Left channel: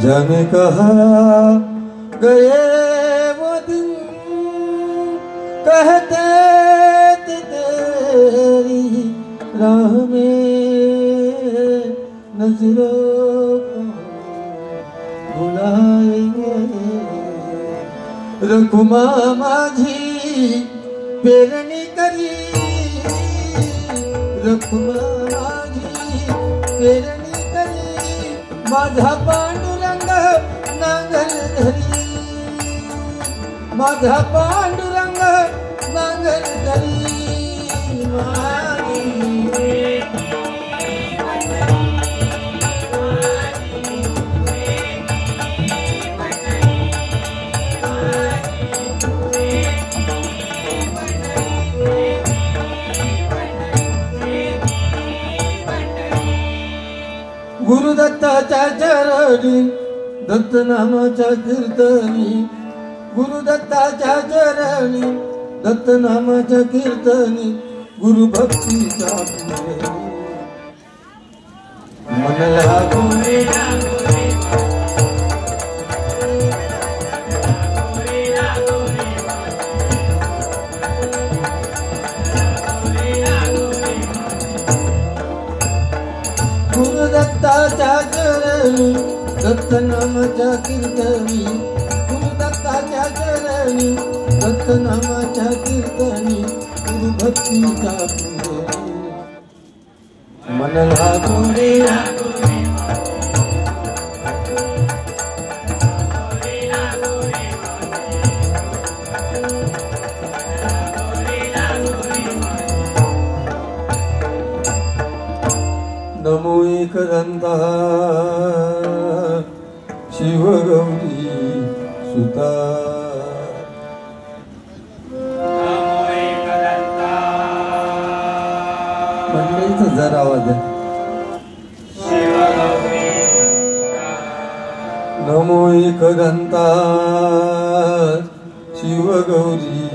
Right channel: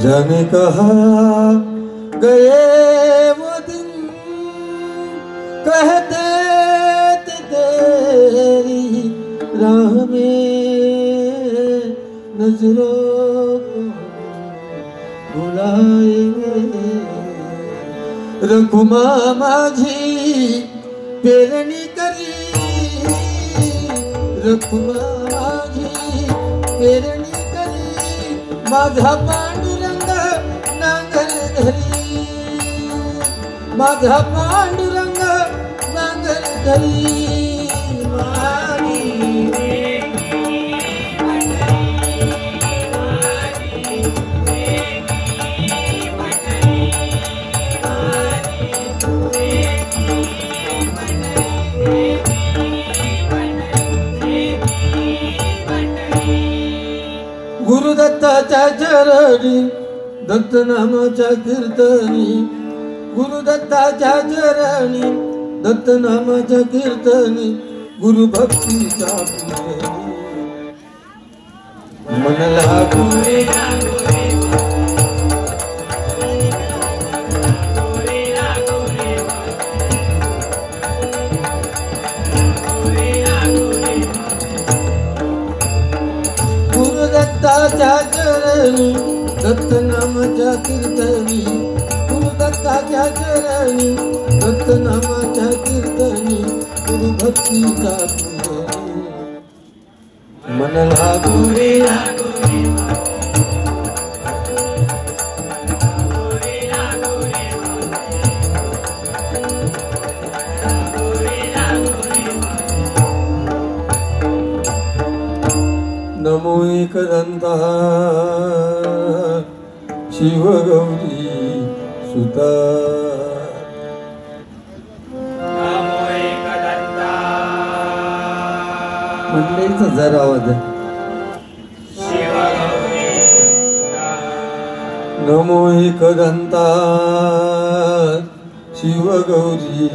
जाने कहाँ गए वो दिन कहते थे तेरी राह में नजरों को बुलाएंगे रखुमा माझी पेरणी करी रखुमा माझी पेरणी करी माझा पांडुरंग नांगर धरी माझा पांडुरंग नांगर धरी माझी गुरुदत्ताच्या चरणी दत्त नामाच्या कीर्तनी गुरुदत्ताच्या चरणी दत्त नामाच्या कीर्तनी गुरु भक्तीचा मन लागो दत्त नामाच्या कीर्तनी गुरुदत्ताच्या चरणी दत्त नामाच्या कीर्तनी गुरु भक्तीचा मन लागो रे नमो एकदंता शिव गौरी सुता नमो एकदंता मंडळीचा जरा आवाज शिव गौरी सुता नमो एकदंता शिव गौरी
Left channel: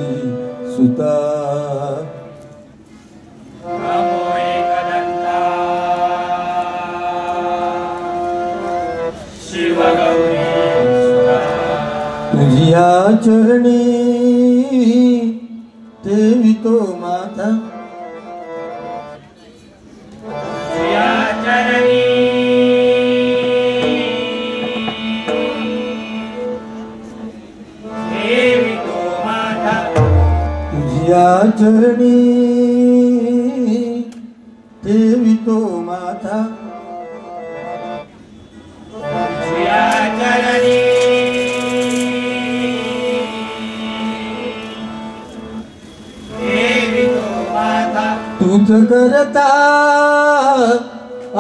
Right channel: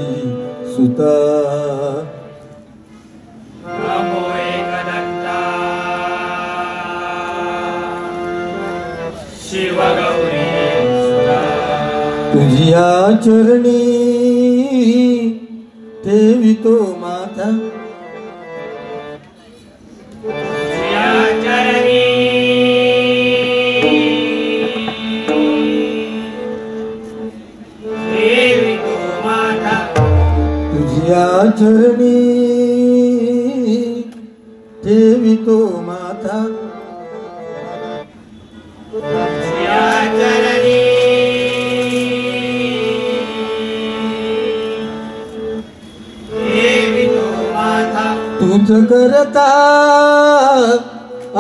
सुता नमो एकदंता शिव गौरी सुता तुझिया चरणी ठेवितो माथा तुझ्या चरणी ठेवितो माथा तुझिया चरणी ठेवितो माथा तुझ्या चरणी ठेवितो माथा तुझ करता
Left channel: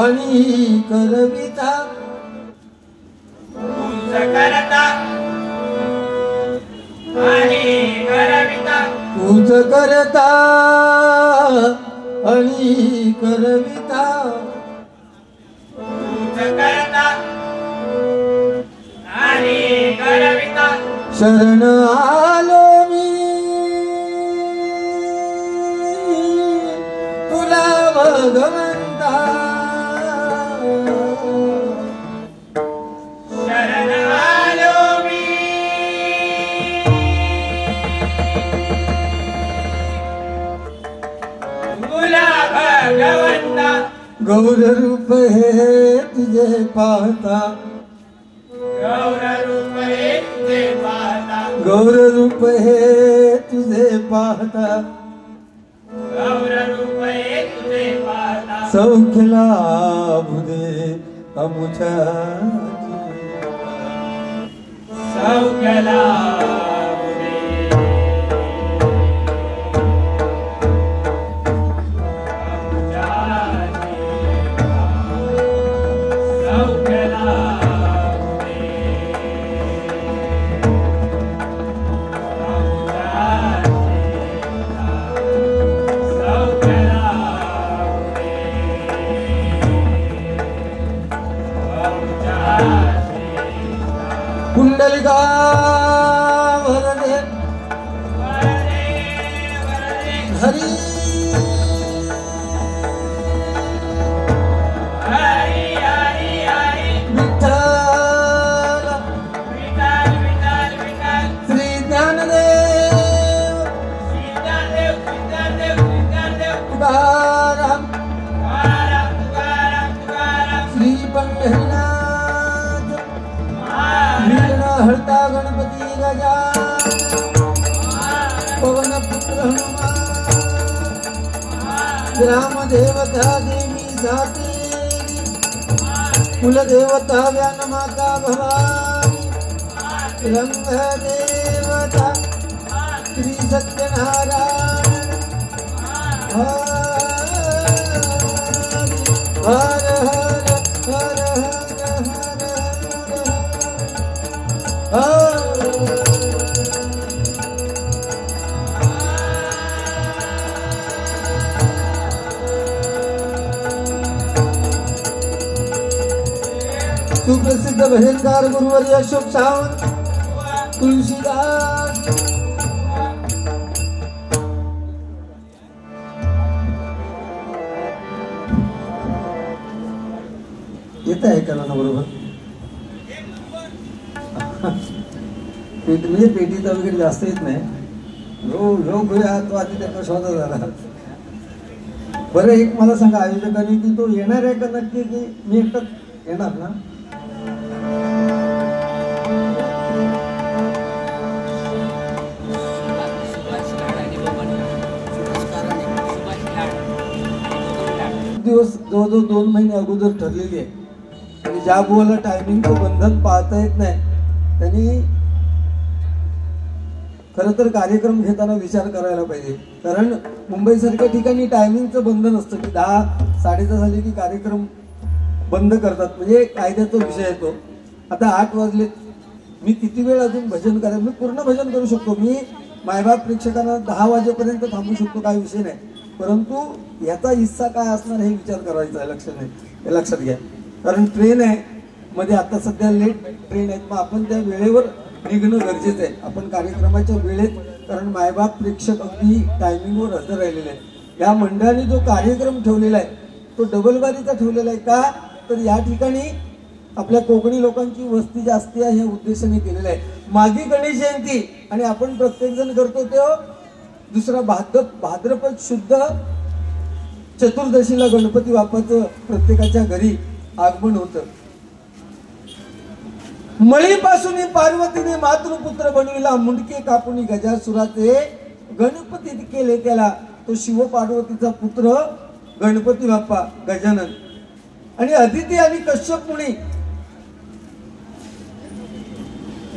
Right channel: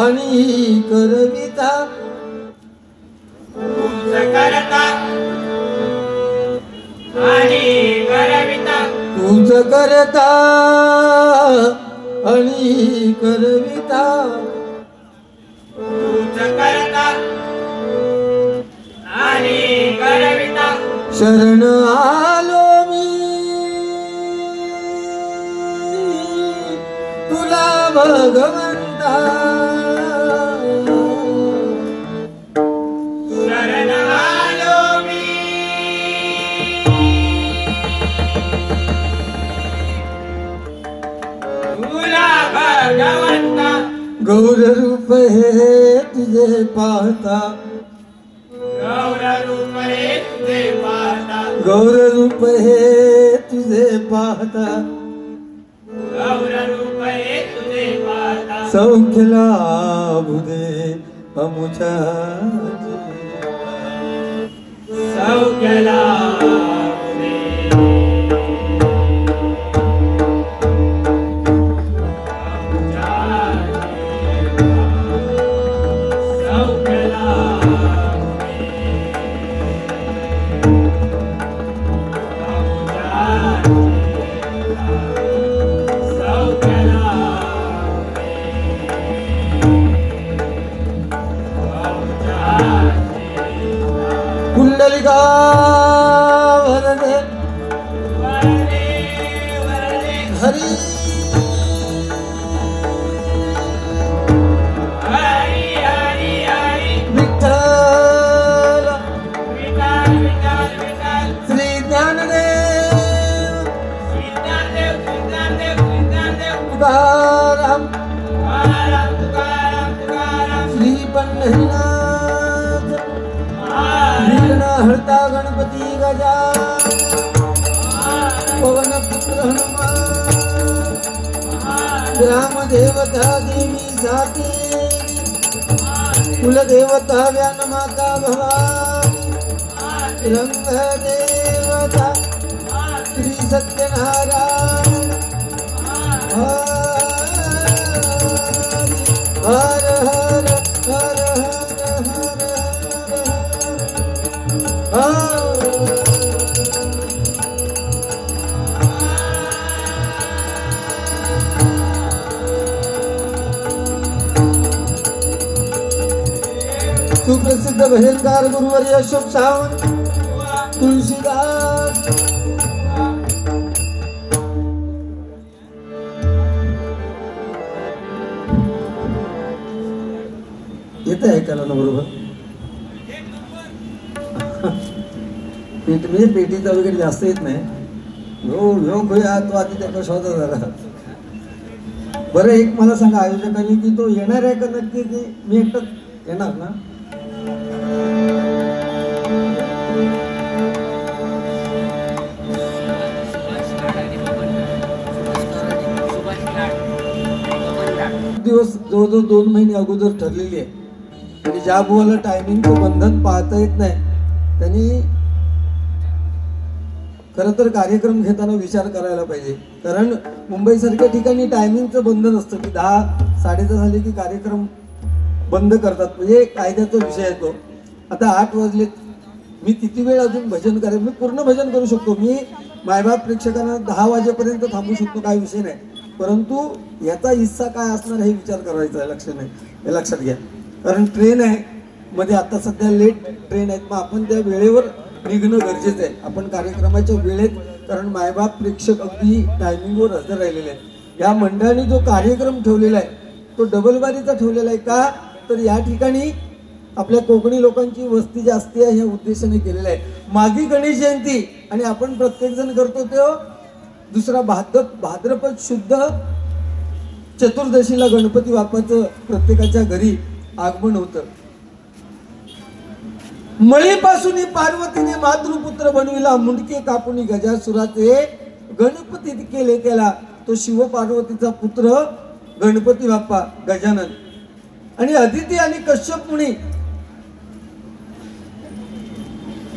आणि करविता तुझ करता आणि करविता तुझ करता आणि करविता तुझ करता आणि करविता शरण आलो मी तुला भगवंता शरण आलो मी तुला भगवंता गौर रूप हे तुझे पाहता गौर रूप हे तुझे पाहता गौर रूप हे तुझे पाहता गौर रूप हे तुझे सौख्य लाभू दे अमुच्या सौख्य लाभू दे कुंडलिका वरदे हरी विठ्ठल श्री ज्ञानदेव तुकाराम श्री पंढरीनाथ विघ्न हरता गणपती गजा पवन पुत्र हनुमान ग्राम देवता देवी साती कुलदेवता व्यानमाता भवानी रंग देवता श्री सत्यनारायण हर हर हर हर सुप्रसिद्ध भजनकार गुरुवर्य अशोक सावंत तुलसीदास येत आहे का ना बरोबर म्हणजे पेटीचा वगैरे जास्त येत नाही आत्महत्या त्या शोधा झाला बरं एक मला सांगा आयोजकांनी की तो येणार आहे का नक्की की मी एकटाच येणार ना दिवस जवळजवळ 2 महिने अगोदर ठरलेली आहे आणि ज्या बुवाला टायमिंगचं बंधन पाहता येत नाही त्यांनी खरं तर कार्यक्रम घेताना विचार करायला पाहिजे कारण मुंबई सारख्या ठिकाणी टायमिंगचं बंधन असतं की 10-10:30 झाले की कार्यक्रम बंद करतात म्हणजे कायद्याचा विषय येतो आता 8 वाजले मी किती वेळ अजून भजन करेन मी पूर्ण भजन करू शकतो मी मायबाप प्रेक्षकांना 10 वाजेपर्यंत थांबू शकतो काय विषय नाही परंतु याचा हिस्सा काय असणार हे विचार करायचा हे लक्षात घ्या कारण ट्रेन आहे मध्ये आता सध्या लेट ट्रेन आहेत मग आपण त्या वेळेवर निघणं गरजेचं आहे आपण कार्यक्रमाच्या वेळेत कारण मायबाप प्रेक्षक अगदी टायमिंगवर हजर राहिलेले आहे या मंडळाने जो कार्यक्रम ठेवलेला आहे तो डबलबारीचा ठेवलेला आहे का तर या ठिकाणी आपल्या कोकणी लोकांची वस्ती जास्ती आहे हे उद्देशाने केलेलं आहे मागी गणेश जयंती आणि आपण प्रत्येक जण करतो तो दुसरा भाद्रपद शुद्ध चतुर्दशीला गणपती बाप्पाचं प्रत्येकाच्या घरी आगमन होतं मळीपासून पार्वतीने मातृपुत्र बनविला मुंडके कापुनी गजासुराचे गणपती केले त्याला तो शिव पार्वतीचा पुत्र गणपती बाप्पा गजानन आणि अदिती आणि कश्यप मुनी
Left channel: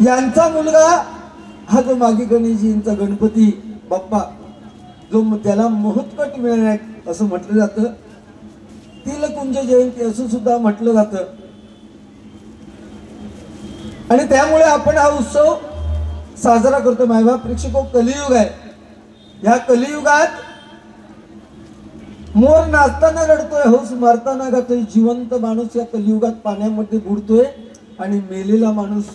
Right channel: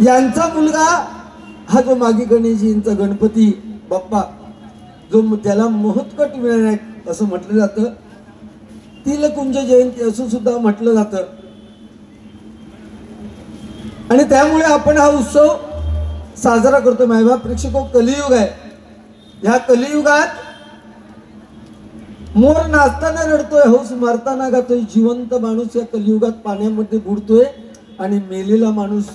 यांचा मुलगा हा जो मागी गणेशजींचा गणपती बाप्पा जो त्याला महोत्कट मिळणार आहे असं म्हटलं जातं तिलकुंज जयंती असं सुद्धा म्हटलं जातं आणि त्यामुळे आपण हा उत्सव साजरा करतो मायबाप प्रेक्षको कलियुग आहे या कलियुगात मोर नाचताना रडतोय हौस मारताना गातोय जिवंत माणूस या कलियुगात पाण्यामध्ये बुडतोय आणि मेलेला माणूस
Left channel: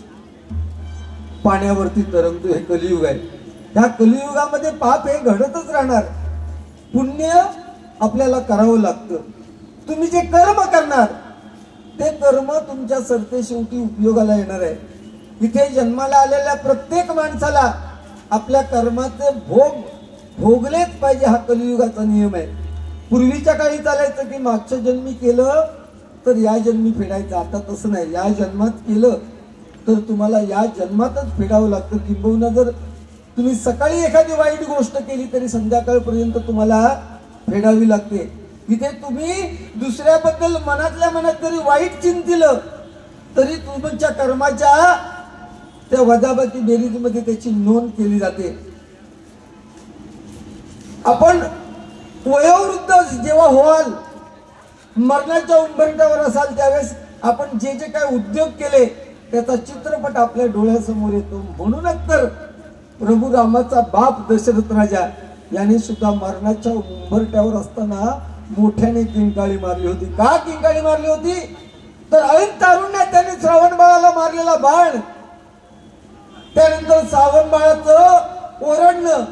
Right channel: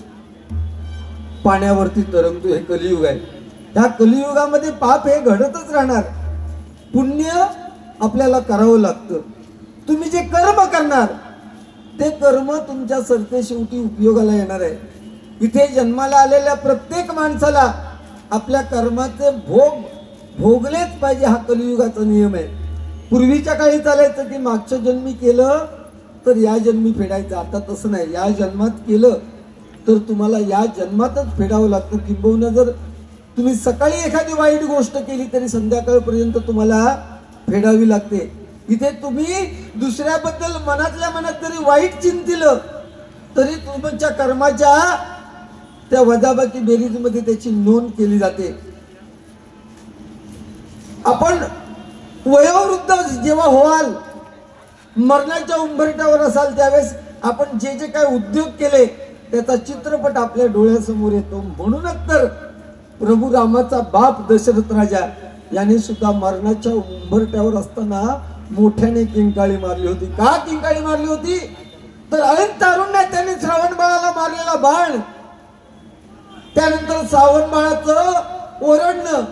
पाण्यावरती तरंगतोय हे कलियुग आहे या कलियुगामध्ये पाप हे घडतच राहणार पुण्य आपल्याला करावं लागतं तुम्ही जे कर्म करणार ते कर्म तुमच्या सरते शेवटी उपयोगाला येणार आहे इथे जन्माला आलेल्या प्रत्येक माणसाला आपल्या कर्माचे भोग भोगलेच पाहिजे हा कलियुगाचा नियम आहे पूर्वीच्या काळी चालायचं की मागच्या जन्मी केलं तर या जन्मी फेडायचं आता तसं नाही या जन्मात केलं तर तुम्हाला या जन्मातच फेडावं लागतं किंबहुना जर तुम्ही सकाळी एखादी वाईट गोष्ट केली तरी संध्याकाळपर्यंत तुम्हाला फेडावी लागते इथे तुम्ही दुसऱ्याबद्दल मनातल्या मनात जरी वाईट चिंतिलं तरी तुमच्या कर्माच्या त्या वजाबाकी बेरीजमध्ये त्याची नोंद केली जाते. आपण वयोवृद्ध जेव्हा व्हाल, मरणाच्या उंबरठ्यावर असाल, त्यावेळेस आपण जे जे काय उद्योग केले त्याचा चित्रपट आपल्या डोळ्यासमोर येतो. म्हणूनच तर प्रभू रामाचा बाप दशरथ राजा याने सुद्धा मरणाच्या उंबरठ्यावर असताना मोठ्याने किंकाळी मारली होती. का किंकाळी मारली होती? तर ऐन तारुण्यात त्याने श्रावण बाळाला मारलेला बाण, त्यानंतर श्रावण बाळाचं ओरडणं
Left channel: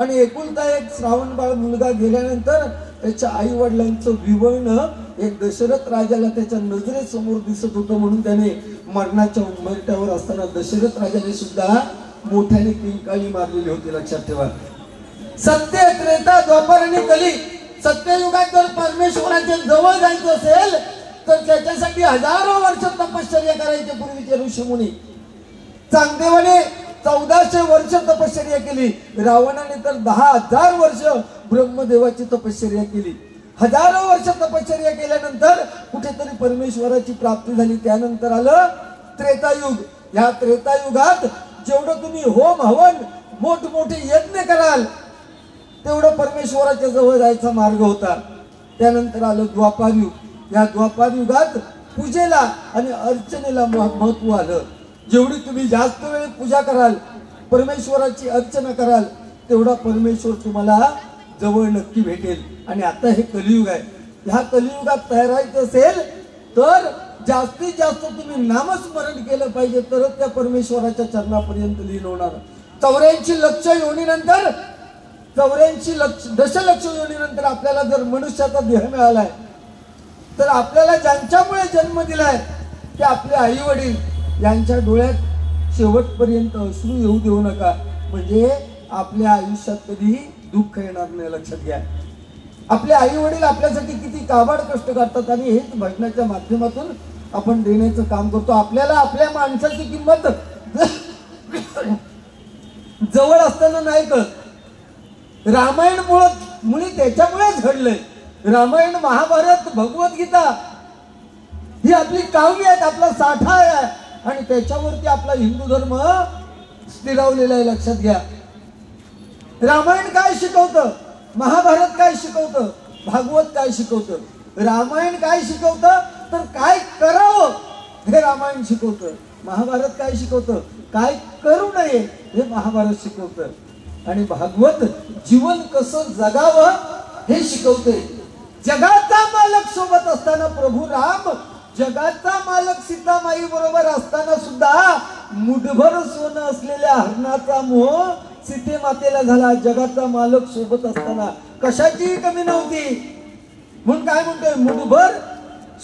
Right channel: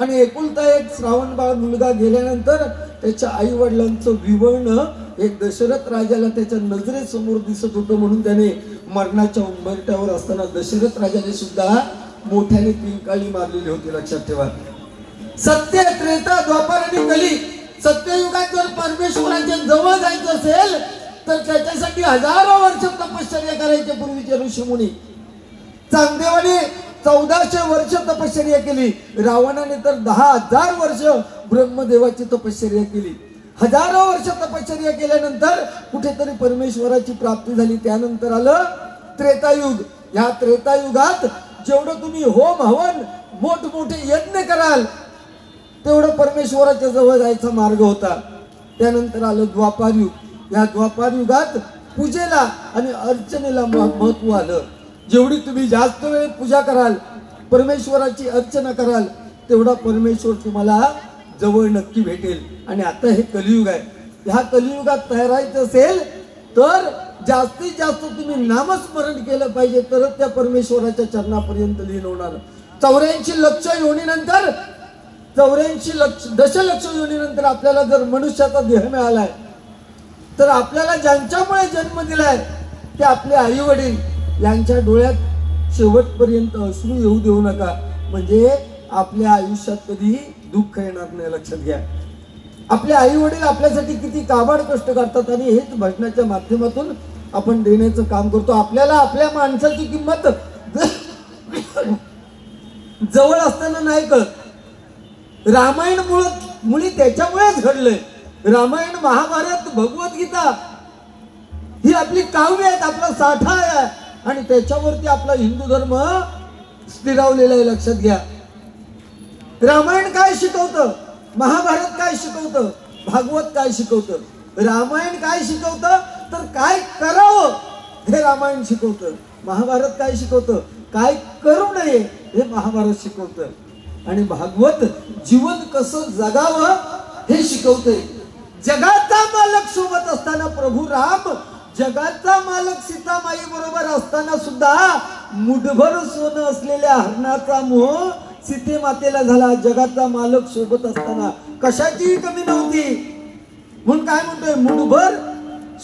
आणि एकुलता एक श्रावण बाळ मुलगा गेल्यानंतर त्याच्या आई वडिलांचं विवळणं हे दशरथ राजाला त्याच्या नजरेसमोर दिसत होतं. म्हणून त्याने मरणाच्या उंबरठ्यावर असताना दशरथ राजाने सुद्धा मोठ्याने किंकाळी मारलेली होती. लक्षात ठेवा. सत्य, त्रेता, द्वापर आणि कली, सत्ययुगात जर परमेश्वराच्या जवळ जायचं असेल तर त्याच्यासाठी हजारो वर्ष तपश्चर्या करायचे. पूर्वीचे ऋषीमुनी चांगदेवाने 1400 वर्ष तपश्चर्या केली. रावणाने तर 10,000 वर्ष ब्रह्मदेवाची तपश्चर्या केली. हजारो वर्ष तपश्चर्या केल्यानंतर कुठेतरी परमेश्वराची प्राप्ती झाली. त्यानंतर आलं त्रेतायुग. या त्रेतायुगात जेवढं तुम्ही होम हवन मोठमोठे यज्ञ कराल तेवढं परमेश्वराच्या जवळ जायचा मार्ग होता. त्यानंतर आलं द्वापार युग. या द्वापार युगात पूजेला आणि अर्चनेला महत्व आलं. जेवढी तुम्ही जास्त वेळ पूजा कराल, परमेश्वराची अर्चना कराल, तेवढा परमेश्वर तुम्हाला जवळ नक्की भेटेल. आणि आता हे कलियुग आहे. ह्या कलियुगात तयारायचं असेल तर जास्तीत जास्त तुम्ही नामस्मरण केलं पाहिजे, तरच त्या परमेश्वराच्या चरणापर्यंत लीन होणार. 84 लक्ष योनीनंतर 84 दशलक्ष योनीनंतर आपल्याला जर मनुष्याचा देह मिळालाय तर आपल्याला ज्यांच्यामुळे जन्म दिलाय ते आपले आई वडील, यांच्या डोळ्यात शेवटपर्यंत अश्रू येऊ देऊ नका. म्हणजे आपल्या आयुष्यात कधी दुःख येणार नाही. लक्षात घ्या. आपले आई वडील आपल्यासाठी किती काबाड कष्ट करतात आणि हेच भजनाच्या माध्यमातून आपण देण्याचं काम करतो. आपल्याला आपल्या माणसाची किंमत जवळ असताना नाही कळत. रामायण मुळे त्याच्यामुळेच घडलंय. रामायण, महाभारत, भगवद्गीता ही आपली काव्य आहेत, आपला साठा आहे आणि त्याच्यावरती आपला हिंदू धर्म स्थिरावलेला आहे. लक्षात घ्या. रामायण काय शिकवतं, महाभारत काय शिकवतं, भागवत काय शिकवतं. रामायण काय शिकवतं तर काय करावं हे रामायण शिकवतं. महाभारत काय शिकवतं, काय करू नये हे महाभारत शिकवतं. आणि भागवत जीवन कसं जगावं हे शिकवतंय. जगाचा मालक सोबत असताना प्रभू राम, जगाचा मालक सीतामाई बरोबर असताना सुद्धा मुठभर सोनं असलेल्या हरणाचा मोह सीते मातेला झाला. जगाचा मालक सोबत असताना कशाची कमी नव्हती. म्हणून काय म्हणतोय, मुठभर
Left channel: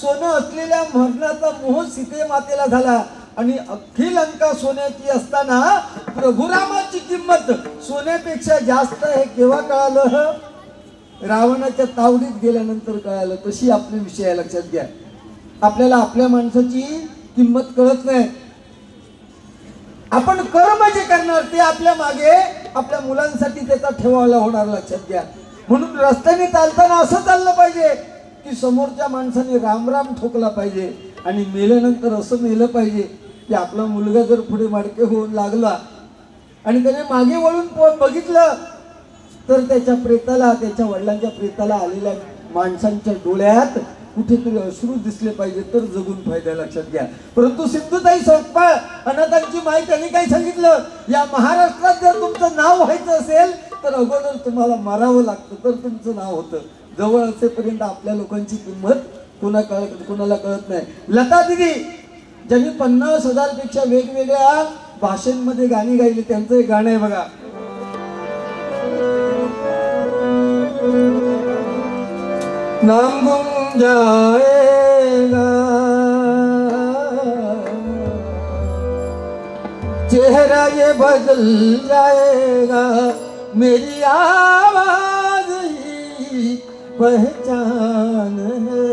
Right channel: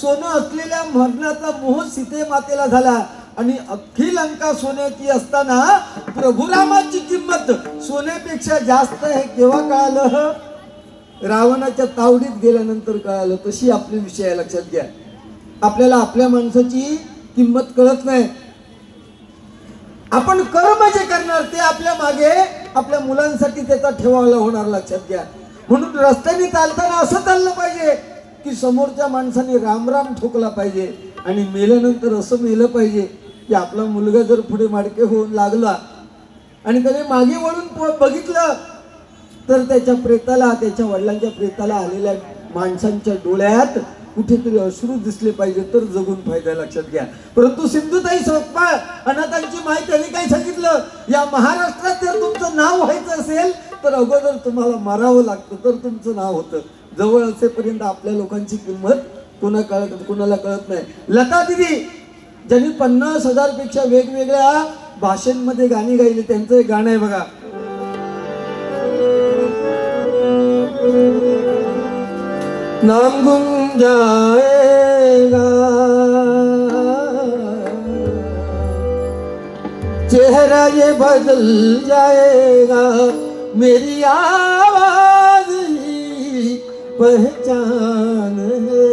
सोनं असलेल्या हरणाचा मोह सीते मातेला झाला. आणि अख्खी लंका सोन्याची असताना प्रभू रामाची किंमत सोन्यापेक्षा जास्त आहे केव्हा कळालं, रावणाच्या तावडीत गेल्यानंतर कळालं. तशी आपले विषय आहे. लक्षात घ्या. आपल्याला आपल्या माणसाची किंमत कळत नाही. आपण कर्म जे करणार ते आपल्या मागे आपल्या मुलांसाठी त्याचा ठेवायला होणार. लक्षात घ्या. म्हणून रस्त्याने चालताना असं चाललं पाहिजे की समोरच्या माणसाने राम राम ठोकला पाहिजे आणि मेल्यानंतर असं मेलं पाहिजे की आपला मुलगा जर पुढे माडके होऊन लागला आणि त्याने मागे वळून बघितलं तर त्याच्या प्रेताला, त्याच्या वडिलांच्या प्रेताला आलेल्या माणसांच्या डोळ्यात कुठेतरी अश्रू दिसले पाहिजे तर जगून फायदा. लक्षात घ्या. परंतु सिंधुताई सपकाळ अनाथांची माय त्यांनी काय सांगितलं, या महाराष्ट्रात जर तुमचं नाव व्हायचं असेल तर अगोदर तुम्हाला मरावं लागतं तर तुमचं नाव होतं. जवळ असेपर्यंत आपल्या लोकांची किंमत कोणाला कळत नाही. लता दिदी ज्यांनी 50,000 पेक्षा वेगवेगळ्या भाषांमध्ये गाणी गायली, त्यांचं एक गाणं आहे बघा. नाम गुम जाएगा चेहरा ये बदल जाएगा, मेरी आवाज ही पहचान है,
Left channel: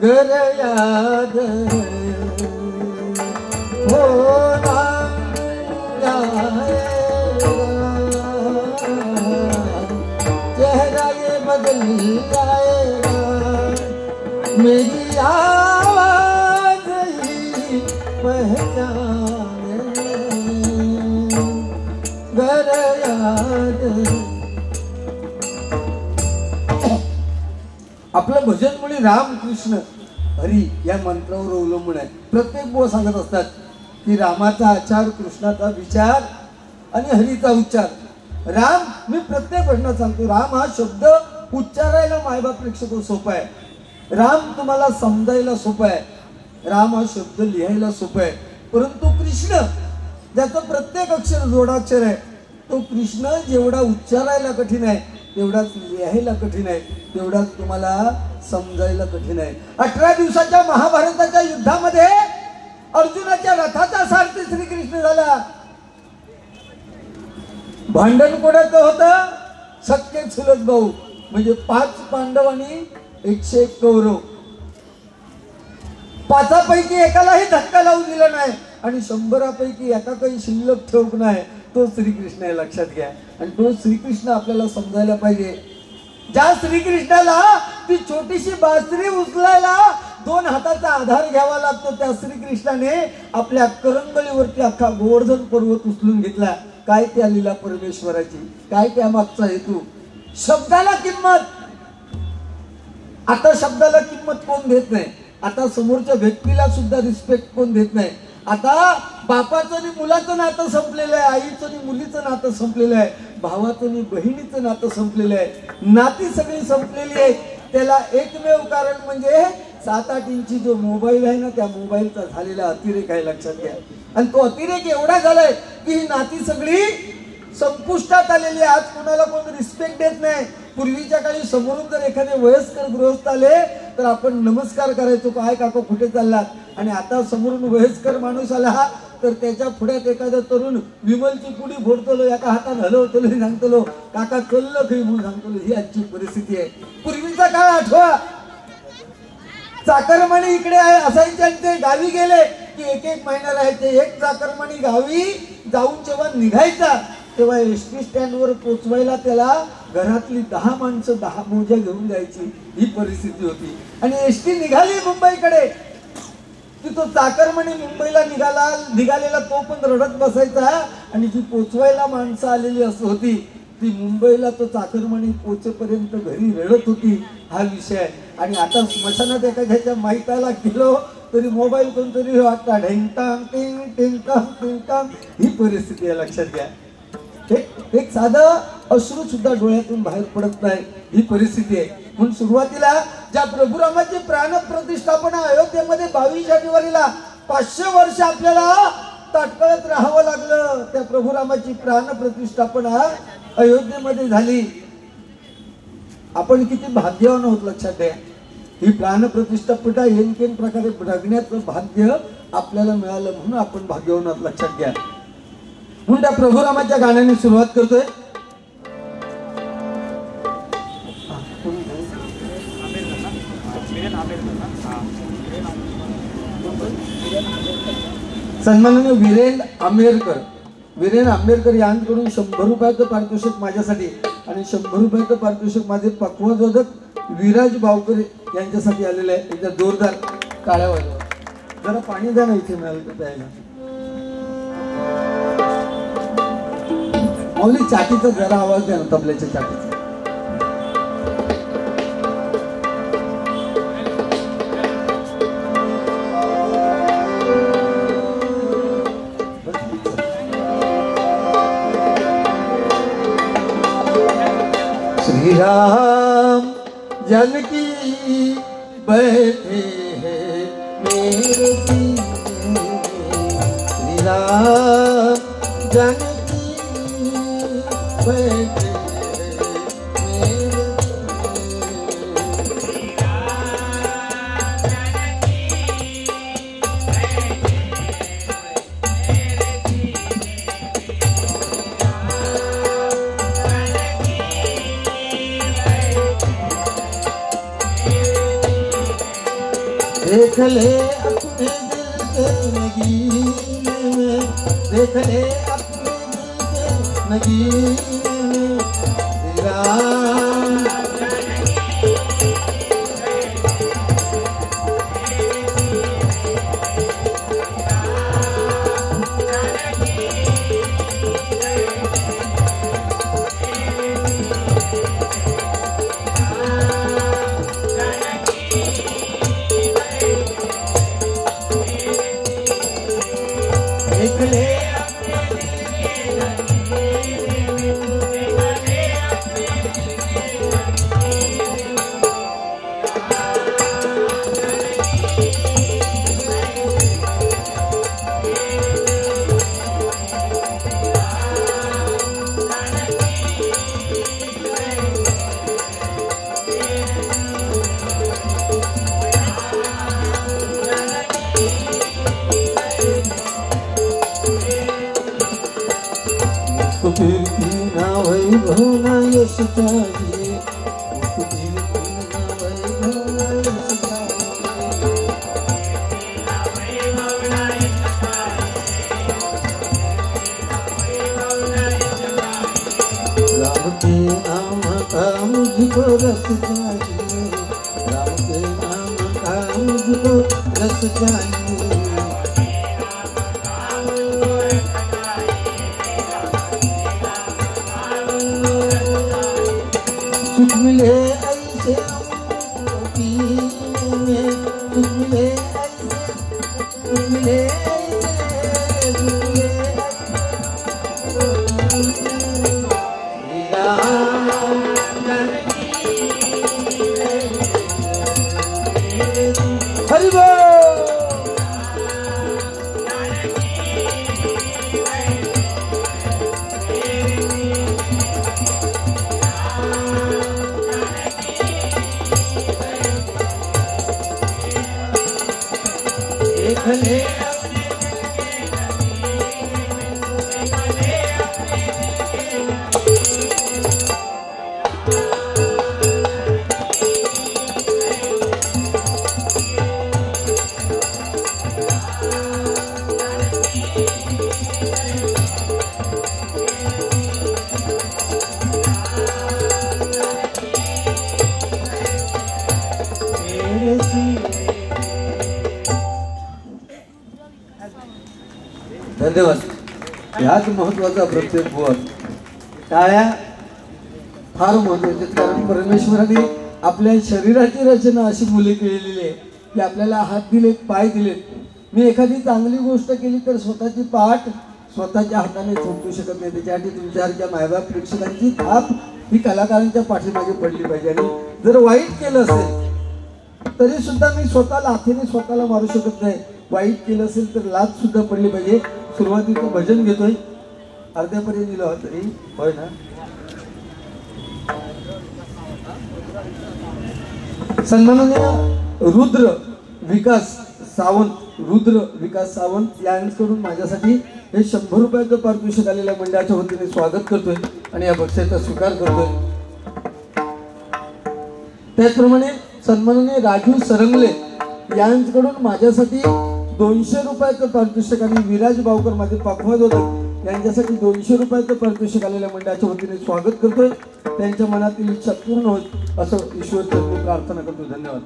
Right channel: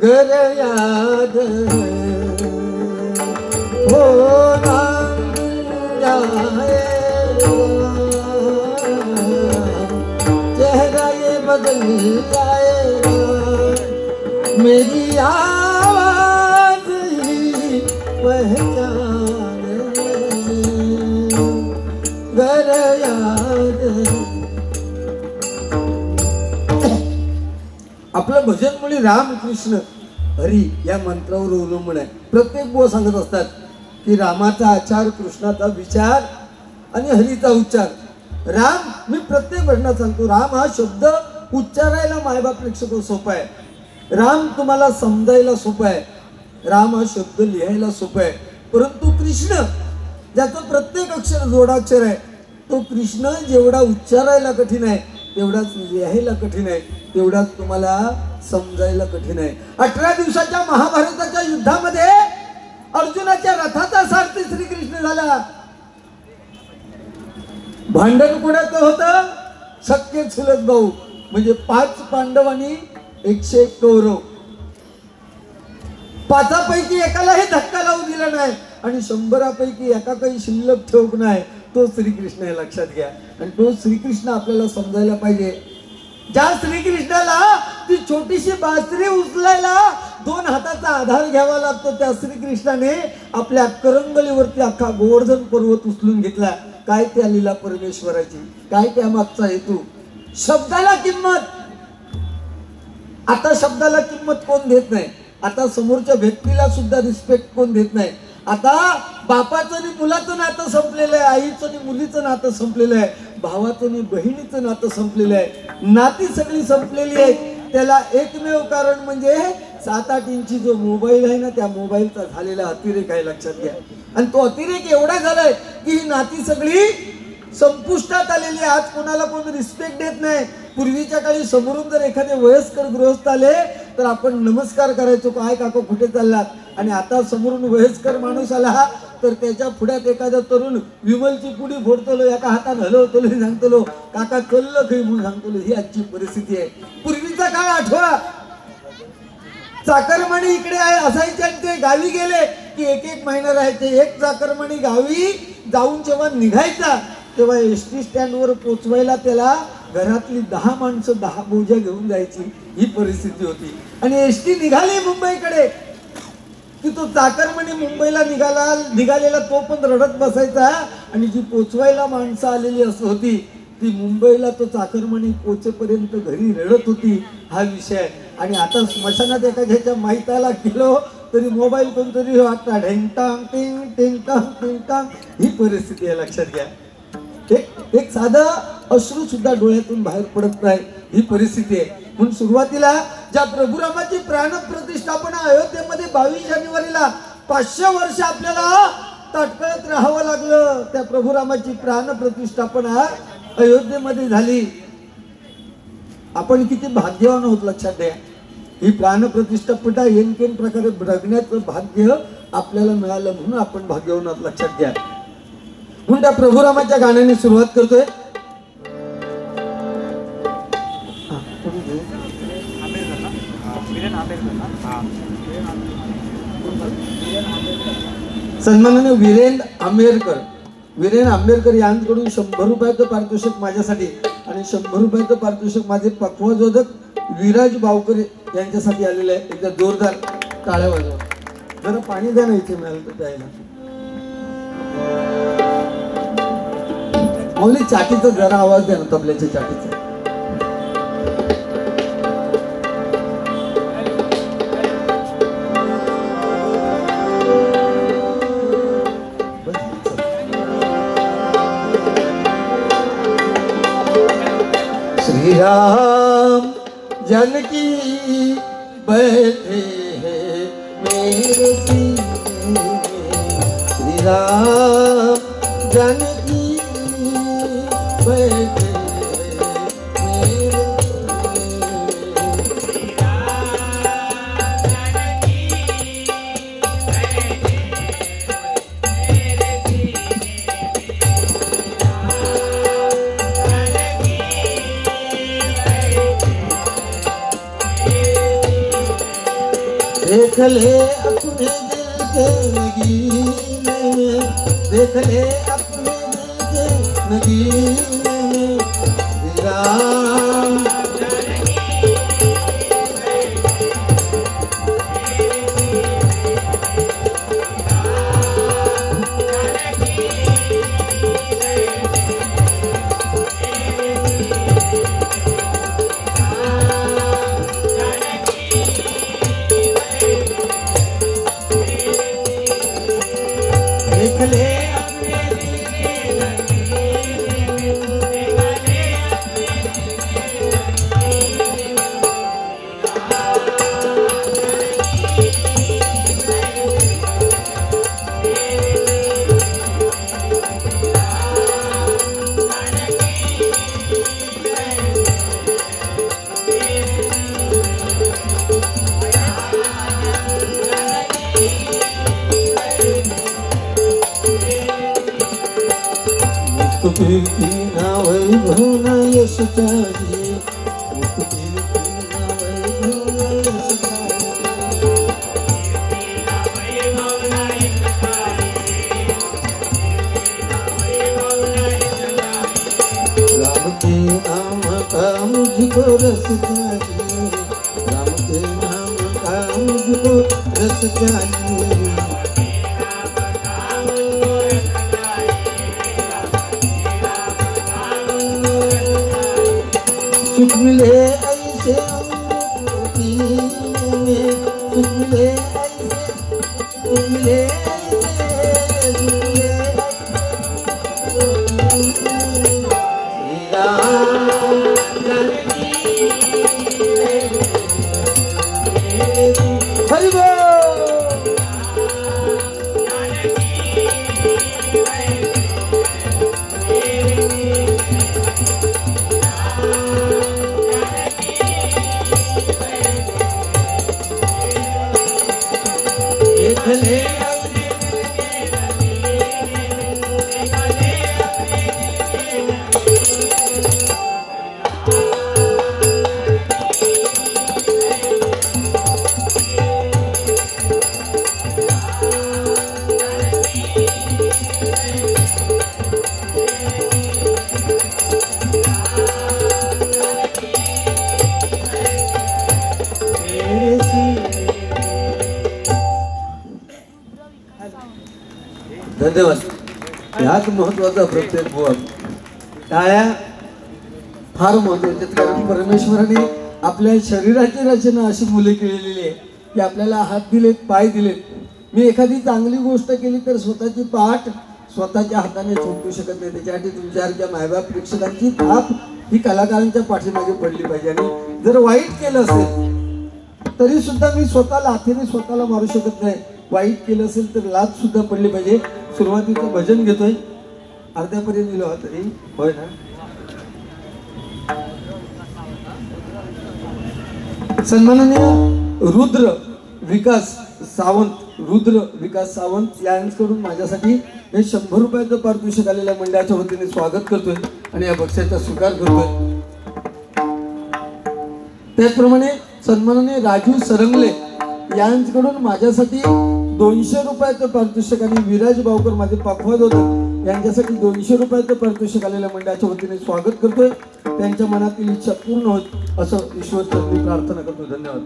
घर याद है वो नाम जाएगा, चेहरा ये बदल जाएगा, मेरी आवाज ही पहचान घर याद. आपलं भजन म्हणजे राम कृष्ण हरी या मंत्रावर अवलंबून आहे. प्रत्येक बुवा सांगत असतात की रामाचा आचार, कृष्णाचा विचार आणि हरीचा उच्चार. राम, मी प्रत्येक घटना सांगतो, राम हा शब्द उच्चारायला मायबापेक्षा सोपा आहे. राम तुम्हाला समजायला सोपा आहे. राम हा शब्द लिहायला सोपा आहे. परंतु कृष्ण, ज्याचं प्रत्येक अक्षर जोडाक्षर आहे, तो कृष्ण जेवढा उच्चारायला कठीण आहे तेवढाच लिहायला कठीण आहे, तेवढाच तुम्हाला समजायला कठीण आहे. 18 दिवसाच्या महाभारताच्या युद्धामध्ये अर्जुनाच्या रथाचा सारथी श्रीकृष्ण झाला. भांडण कोणाचं होतं? सख्खे चुलत भाऊ, म्हणजे 5 पांडव आणि 101 कौरव. 5पैकी एकालाही धक्का लावू दिला नाही आणि 100पैकी एका काही शिल्लक ठेवू नाही. तो श्रीकृष्ण आहे, लक्षात घ्या. आणि तो श्रीकृष्ण आपल्याला समजायला पाहिजे. ज्या श्रीकृष्णाला ती छोटीशी बासरी उचलायला 2 हाताचा आधार घ्यावा लागतो, त्या श्रीकृष्णाने आपल्या करंगळीवरती अख्खा गोवर्धन पर्वत उचलून घेतला. काय त्या लीला परमेश्वराची, काय त्या मागचा हेतू. शब्दाला किंमत, आता शब्दाला किंमत कोण देत नाही. आता समोरच्या व्यक्तीला सुद्धा रिस्पेक्ट कोण देत नाही. आता बापाचं आणि मुलाचं नातं संपलेलं आहे, आईचं आणि मुलीचं नातं संपलेलं आहे, भावाचं आणि बहिणीचं नातं संपलेलं आहे. नाती सगळी संपलेली आहे. त्याला एकमेव कारण म्हणजे 7-8 इंची जो मोबाईल आहे ना, त्या मोबाईलचा झालेला अतिरेक आहे, लक्षात घ्या. आणि तो अतिरेक एवढा झालाय की ही नाती सगळी संपुष्टात आलेली. आज कोणाला कोण रिस्पेक्ट देत नाही. पूर्वीच्या काळी समोरून जर एखादे वयस्कर गृहस्थ आले तर आपण नमस्कार करायचो, काय काका कुठे चाललात. आणि आता समोरून वयस्कर माणूस आला तर त्याच्या पुढ्यात एखादा तरुण विमलची पुडी फोडतो, एका हातात हलवतो, सांगतो काका कल्ल काही म्हणून सांगतो. ही आजची परिस्थिती आहे. पूर्वीचा काळ आठवा. चाकरमानी इकडे असायचे, ते गावी गेले की 1-1 महिना राहायचे. एक चाकरमानी गावी जाऊन जेव्हा निघायचा तेव्हा एसटी स्टँडवर पोचवायला त्याला घरातली 10 माणसं 10 बोजा घेऊन जायची. ही परिस्थिती होती. आणि एसटी निघाली मुंबईकडे की तो चाकरमानी मुंबईला निघालेला तो पण रडत बसायचा. आणि जी पोचवायला माणसं आलेली असं होती ती मुंबईला तो चाकरमानी पोचेपर्यंत घरी रडत होती. हा विषय आहे. आणि आता स्मशानात एखाद्याच्या माहिताला गेलो तरी मोबाईल कोणतरी वाटता ढेंगटांग टिंग टिंगटांग टिंगटांग. ही परिस्थिती आहे, लक्षात घ्या. एक साधं अश्रू सुद्धा डोळ्यातून बाहेर पडत नाही. ही परिस्थिती आहे. म्हणून सुरुवातीला ज्या प्रभुरामाची प्राणप्रतिष्ठापना अयोध्येमध्ये 22 जानेवारीला 500 वर्ष आपल्याला ताटकळत राहावं लागलं. त्या प्रभुरामाची प्राणप्रतिष्ठापना अयोध्येमध्ये झाली. आपण किती भाग्यवान आहोत, लक्षात द्या. ही प्राणप्रतिष्ठापना येनकेन प्रकारे बघण्याचं भाग्य आपल्याला मिळालं म्हणून आपण भाग्यवान आहोत, लक्षात घ्या. म्हणून त्या प्रभुरामाच्या गाण्याने सुरुवात करतोय. सन्माननीय वीरेंद्र आंबेडकर यांकडून 100 रुपयाचं पारितोषिक माझ्यासाठी आणि 100 रुपयाचं पारितोषिक माझे पक्वजोदक विराज बावकर यांच्यासाठी आलेलं आहे. एकदा जोरदार टाळ्या वाजवा. जरा पाणी द्या ना इथे मिळालं तर प्यायला. माऊली चाटीचा जरा आवाज द्या ना, तबल्याच्या चाटीचा. श्री राम जानकी बैठे हैं मेरे सीने, श्री राम जानकी बैठे देख ले अपने दिल के नगीने में, देख ले अपने दिल के नगीने में, राम कीर्ती ना वैभव ना यश चाहिए, मुख कीर्ती ना वैभव ना यश चाहिए। राम के नाम का मुझको रस चाहिए, राम के नाम का मुझको रस चाहिए। सुख मिले ऐसे हमको पीने में, सुख मिले ऐसे, सुख मिले ऐसे, सुख मिले हरि बोल। धन्यवाद. ह्याच महत्वाचा प्रत्येक बुवा टाळ्या फार महत्वाच्या, कारण परमेश्वराने आपल्या शरीराची रचना अशी मुले केलेली आहे की आपल्याला हात दिलेत, पाय दिलेत. मी एखादी चांगली गोष्ट केली तर स्वतःची पाठ स्वतःच्या हाताने थोपटू शकत नाही. त्याच्यासाठी तुमच्यासारख्या मायबाप प्रेक्षकांची थाप ही कलाकारांच्या पाठीमागे पडली पाहिजे. आणि जर वाईट केलं असेल तरी सुद्धा मी स्वतः लाथेने स्वतःला मारू शकत नाही. वाईट केलं असेल तर लाथ सुद्धा पडली पाहिजे. सुरुवातीचं भजन घेतोय, अर्ध्यापर्यंत दिलं तरी होय ना. सन्माननीय रुद्र विकास सावंत यांच्याकडून माझ्यासाठी हे 100 रुपयाचं पारितोषिक आलेल्या मंडळाच्या वतीने स्वागत करतोय आणि या बक्षिसाचा स्वीकार करतोय. त्याचप्रमाणे सन्माननीय राजू सरंगले यांच्याकडून माझ्यासाठी 200 रुपयाचं पारितोषिक आणि विराज बावकर माझे पाखवत होते यांच्यासाठी 200 रुपयाचं पारितोषिक आलेल्या मंडळाच्या वतीने स्वागत करतोय. त्यांच्या मनातील इच्छा पूर्ण होत असं ईश्वरचरणी प्रार्थना करतो. धन्यवाद.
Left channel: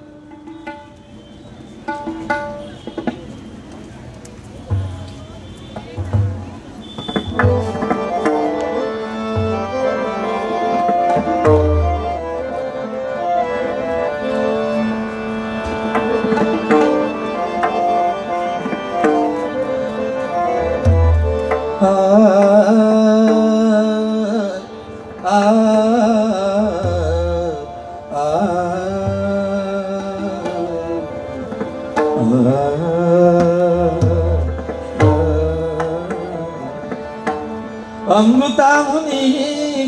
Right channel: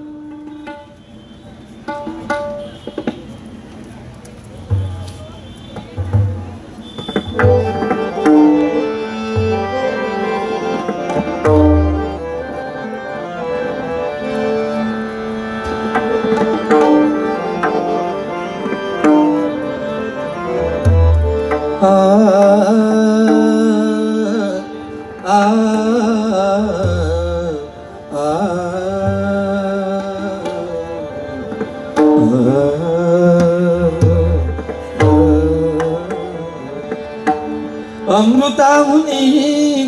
अमृताहुनी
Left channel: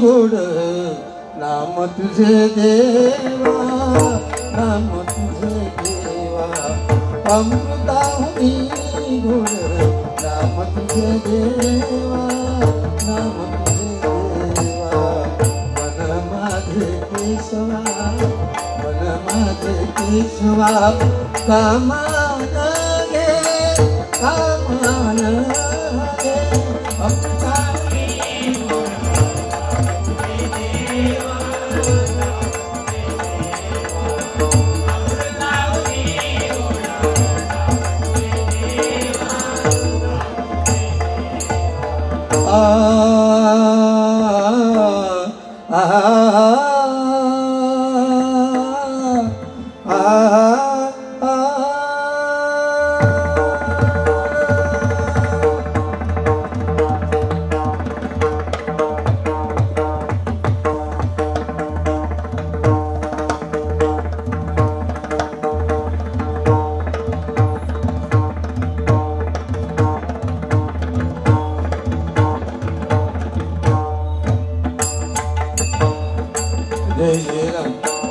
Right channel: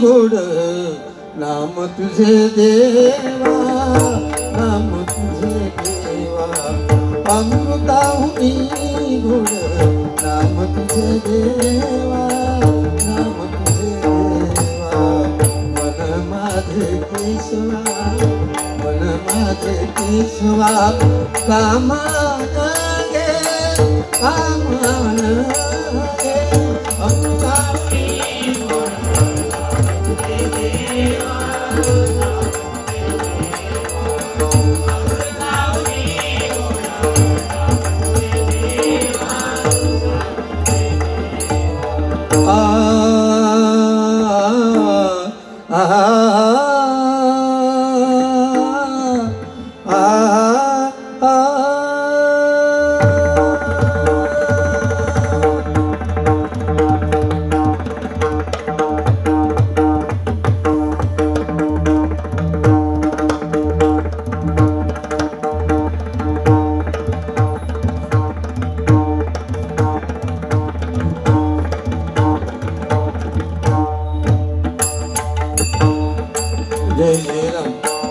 गोड नाम तुझे देवा, नाम तुझे देवा. अमृताहुनी गोड नाम तुझे देवा, नाम तुझे देवा. मन माझे केशवा, मन माझे केशवा. कामान गे, कामान गे.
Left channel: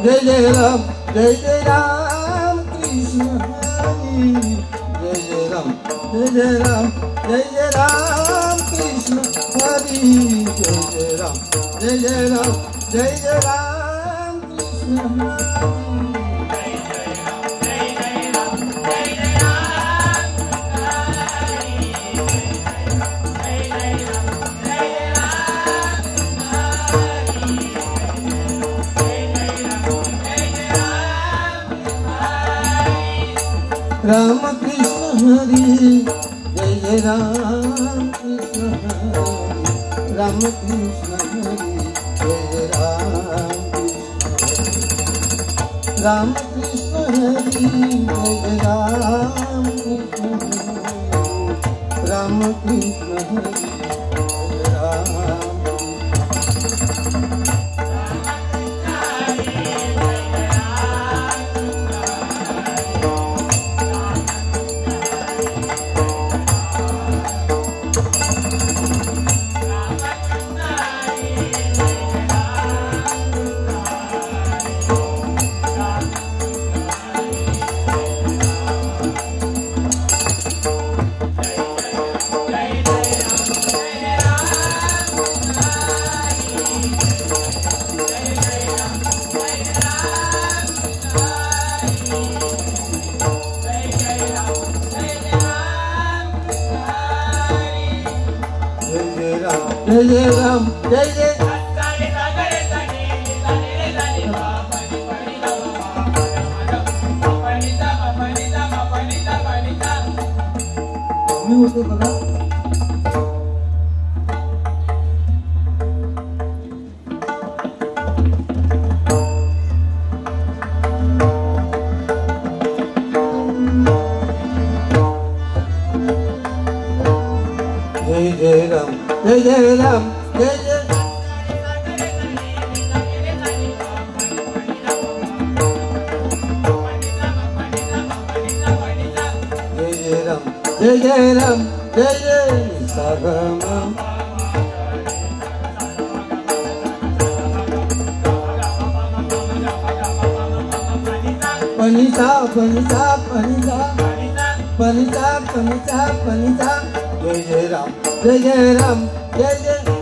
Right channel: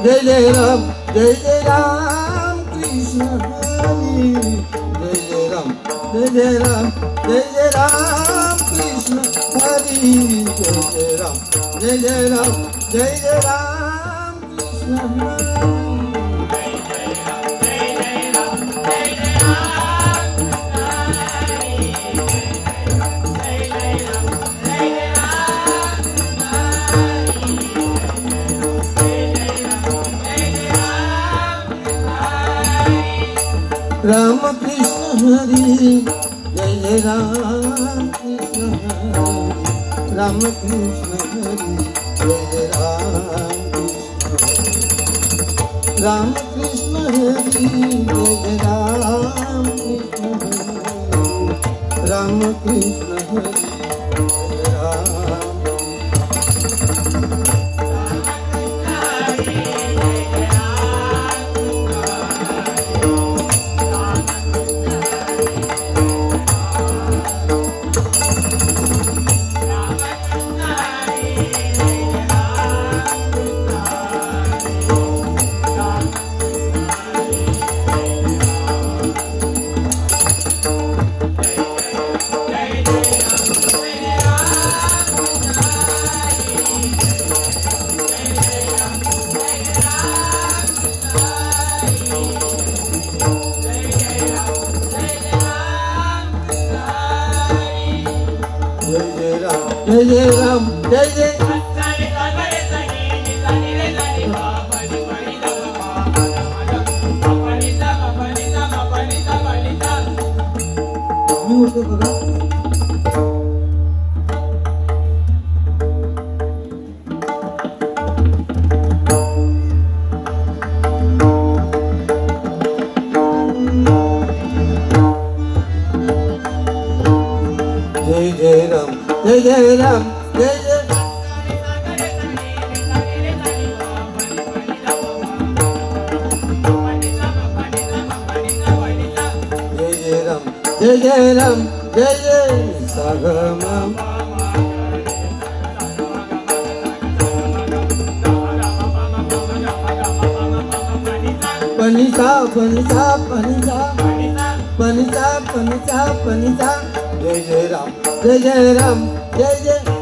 जय जय राम, जय जय राम कृष्ण हरी. जय जय राम, जय जय राम, जय जय राम कृष्ण हरी. हरी जय जय राम जय जय राम जय जय राम कृष्ण हरी राम कृष्ण हरी जय जय राम कृष्ण हरी राम कृष्ण हरी जय जय राम कृष्ण हरी जय जय राम कृष्ण हरी राम कृष्ण हरी जय जय राम जय जय राम जय जय मी होते बघा जय जय राम जय जय राम जय जय जय जय राम जय जय सागम पनिसा पनिसा पनिसा पनिसा पनिसा पनिसा जय जय राम जय जय राम जय जय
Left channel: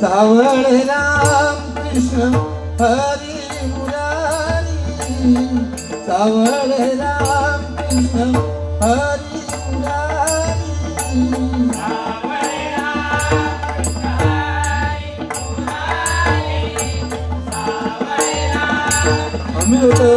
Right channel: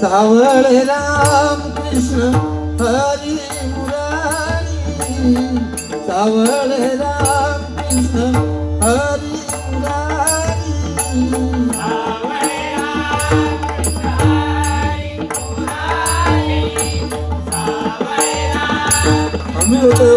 सावळे राम कृष्ण हरी मुरारी सावळे राम कृष्ण हरी मुरारी आम्ही होतो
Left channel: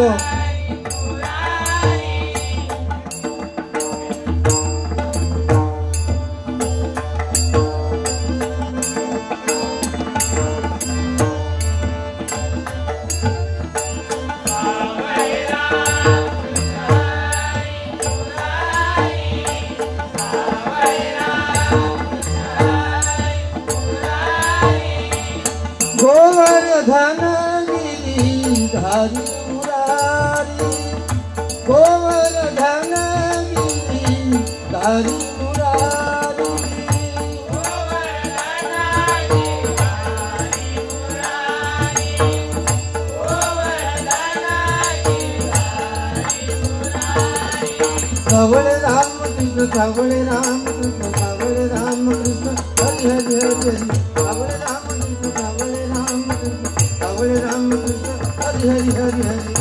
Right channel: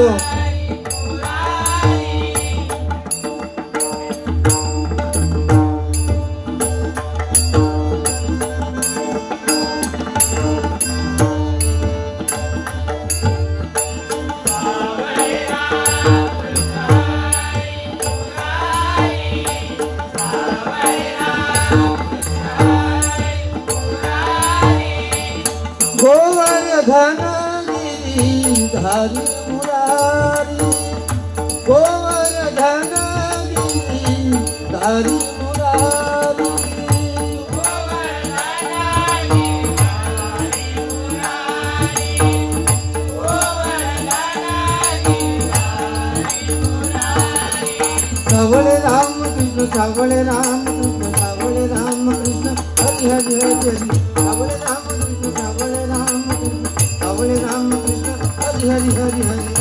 गोवर्धन गिरिधारी मुरारी गोवर्धन गिरिधारी मुरारी सावळे राम कृष्ण सावळे राम कृष्ण सावळे राम कृष्ण हरी हरी हरी हरी सावळे राम कृष्ण सावळे राम कृष्ण सावळे राम कृष्ण हरी हरी हरी हरी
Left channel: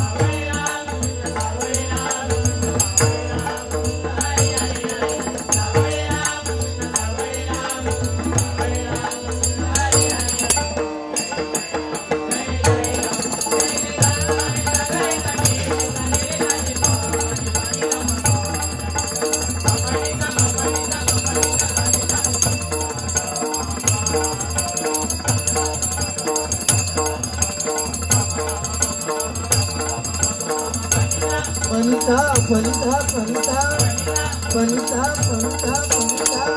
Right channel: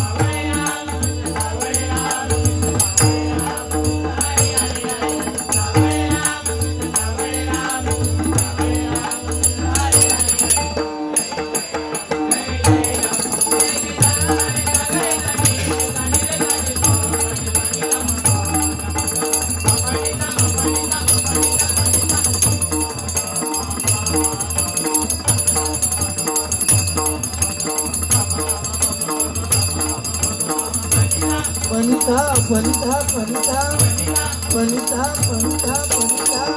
पनिता पनिता पनिता पनिता पनिता पनिता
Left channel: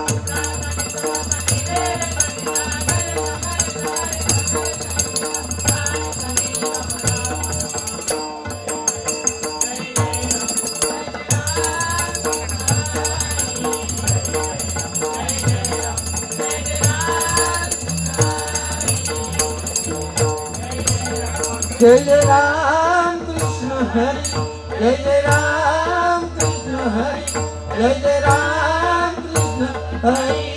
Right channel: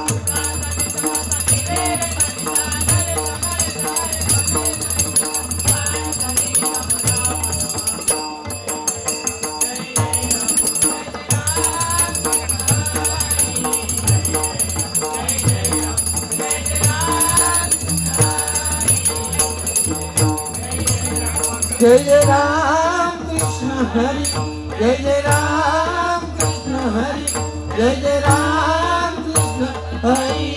जय जय राम कृष्ण हरी, जय जय राम कृष्ण हरी, जय जय राम कृष्ण हरी.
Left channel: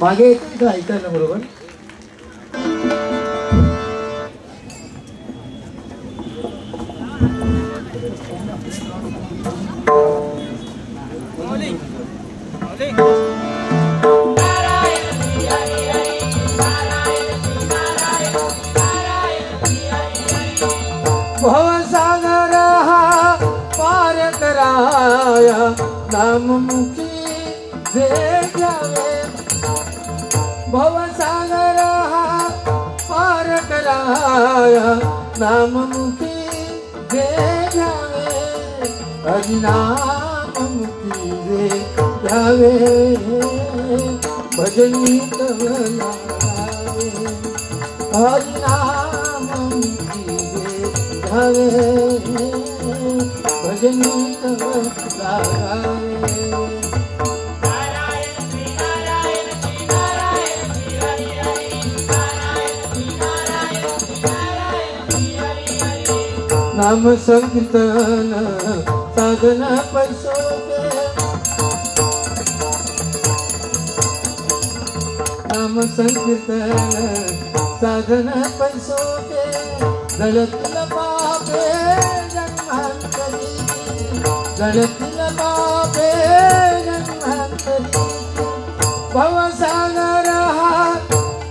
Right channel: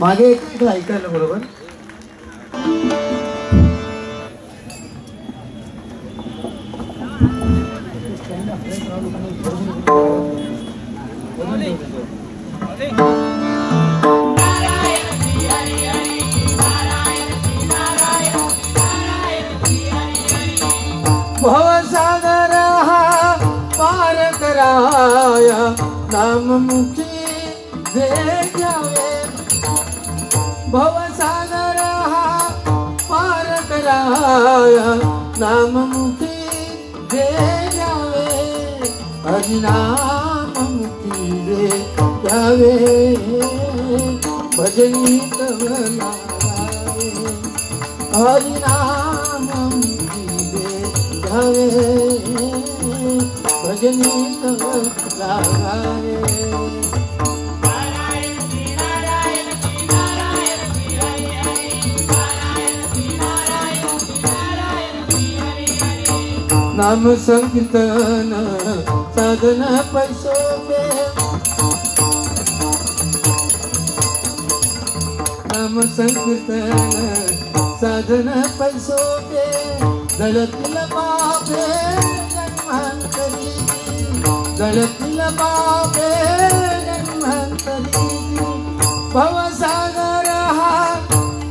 मागे एक ऐकायला बरोबर. भवसागर हा पार कराया नाममुखी जे जावे. भवसागर हा पार कराया नाममुखी जे जावे. हरिनाममुखी जे जावे. भजनी तव नारायण. हरिनाममुखी जे जावे. भजनी तव नारायण. नाम संकीर्तन साधन पैसोके. नाम संकीर्तन साधन पैसोके. जळतील बाबे जन्मांतरी. जळतील बाबे जन्मांतरी. भवसागर हा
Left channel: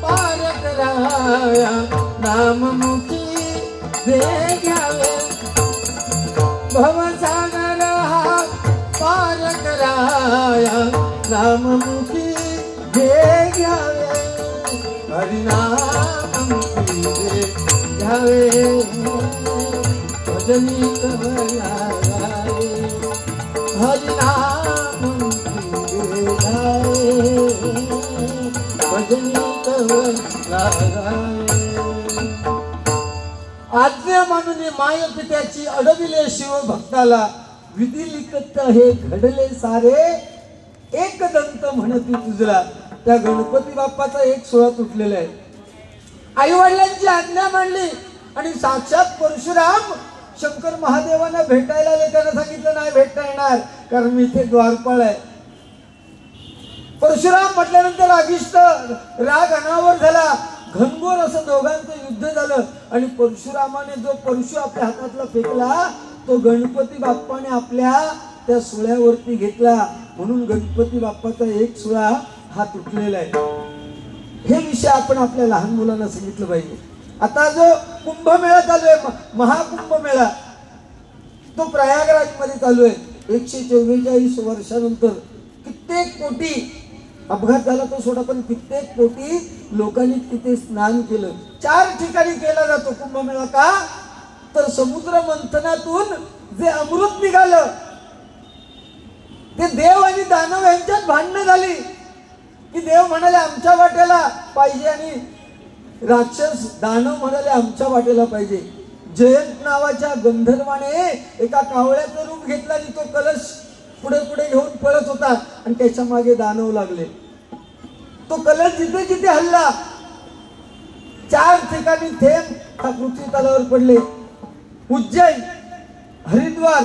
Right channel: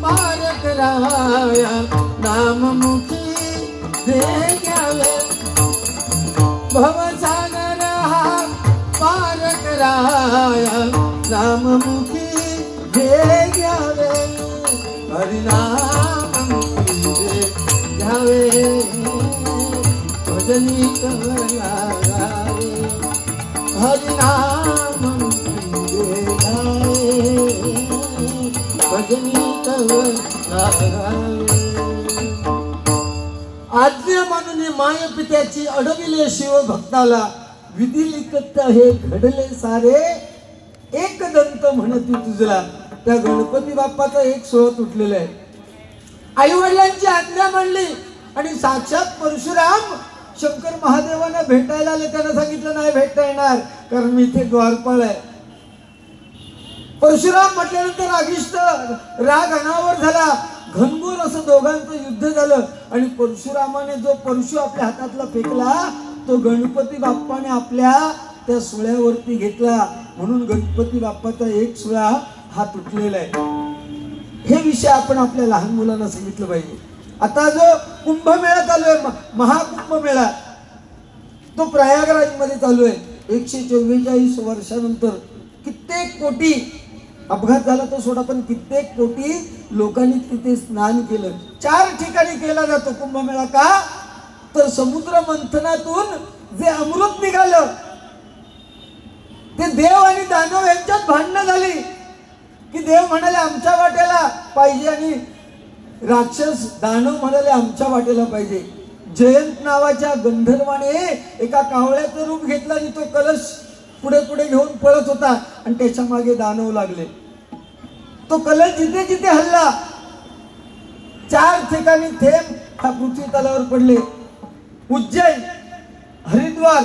पार कराया नाममुखी जे जावे. भवसागर हा पार कराया नाममुखी जे जावे. हरिनाममुखी जे जावे. भजनी तव नारायण. हरिनाममुखी जे जावे. भजनी तव नारायण. आज्ञा मानून माय पित्याची अडविले शिव भक्ताला. विधी लिखत हे घडले सारे एक दंत म्हणती तुझला. त्या गणपती बाप्पाचा एक सोहळा तुटलेला आहे. आई वडिलांची आज्ञा मानली आणि साक्षात परशुराम शंकर महादेवांना भेटायला आले. त्यांना सांगितलं नाही भेटता येणार कारण मी इथे द्वारपाळ आहे. परशुराम म्हटल्यानंतर रागिष्ट राग अनावर झाला. घनघोर असं दोघांचं युद्ध झालं आणि परशुरामाने जो परशु आपल्या हातातला फेकला तो गणपती बाप्पाने आपल्या त्या सुळ्यावरती घेतला. म्हणून गणपती बाप्पाचा एक सुळा हा तुटलेला आहे. हे विषय आपण आपल्या लहान मुलांना सांगितलं पाहिजे. आता जो कुंभमेळा चालू आहे, महाकुंभमेळा, तो प्रयागराज मध्ये चालू आहे. 144 वर्षानंतर कित्येक कोटी अपघात झाला तो सोडा, पण कित्येक कोटी लोकांनी तिथे स्नान केलं. 4 ठिकाणी केला जातो कुंभमेळा. का तर समुद्र मंथनातून जे अमृत निघालं ते देव आणि दानव यांच्यात भांडणं झाली की देव म्हणाले आमच्या वाट्याला पाहिजे आणि राक्षस दानव म्हणाले आमच्या वाट्याला पाहिजे. जयंत नावाच्या गंधर्वाने एका कावळ्याचं रूप घेतला आणि तो कलश पुढे पुढे घेऊन पळत होता आणि त्याच्या मागे दानव लागले. तो कलश जिथे जिथे हल्ला 4 ठिकाणी थेंब पृथ्वी तलावर पडले. उज्जैन, हरिद्वार,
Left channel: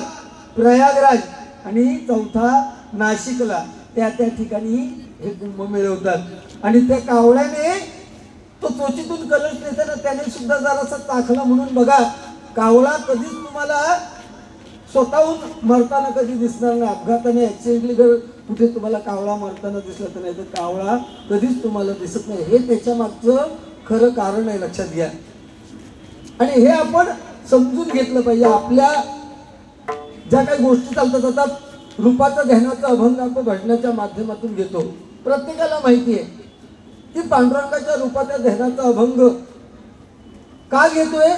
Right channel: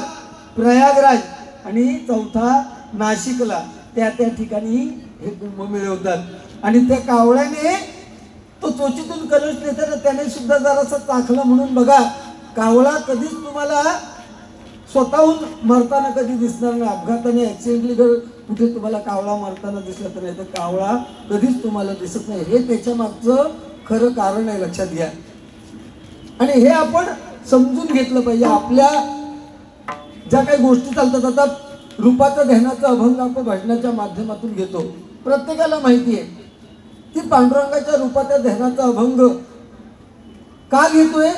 प्रयागराज आणि 4था नाशिकला. त्या ठिकाणी हे कुंभमेळे होतात. आणि त्या कावळ्याने तो चोचीतून कलश नेताना त्याने सुद्धा जरासा चाखला. म्हणून बघा कावळा कधीच तुम्हाला स्वतःहून मरताना कधी दिसणार नाही. अपघाताने ऍक्सिडेंटली जर कुठे तुम्हाला कावळा मरताना दिसला तर नाही तर कावळा कधीच तुम्हाला दिसत नाही. हे त्याच्या मागचं खरं कारण आहे, लक्षात घ्या. आणि हे आपण समजून घेतलं पाहिजे. आपल्या ज्या काही गोष्टी चालतात, आता रूपाचा ध्यानाचा अभंग आपण भजनाच्या माध्यमातून घेतो. प्रत्येकाला माहिती आहे की पांडुरंगाच्या रूपाच्या ध्यानाचा अभंग का घेतोय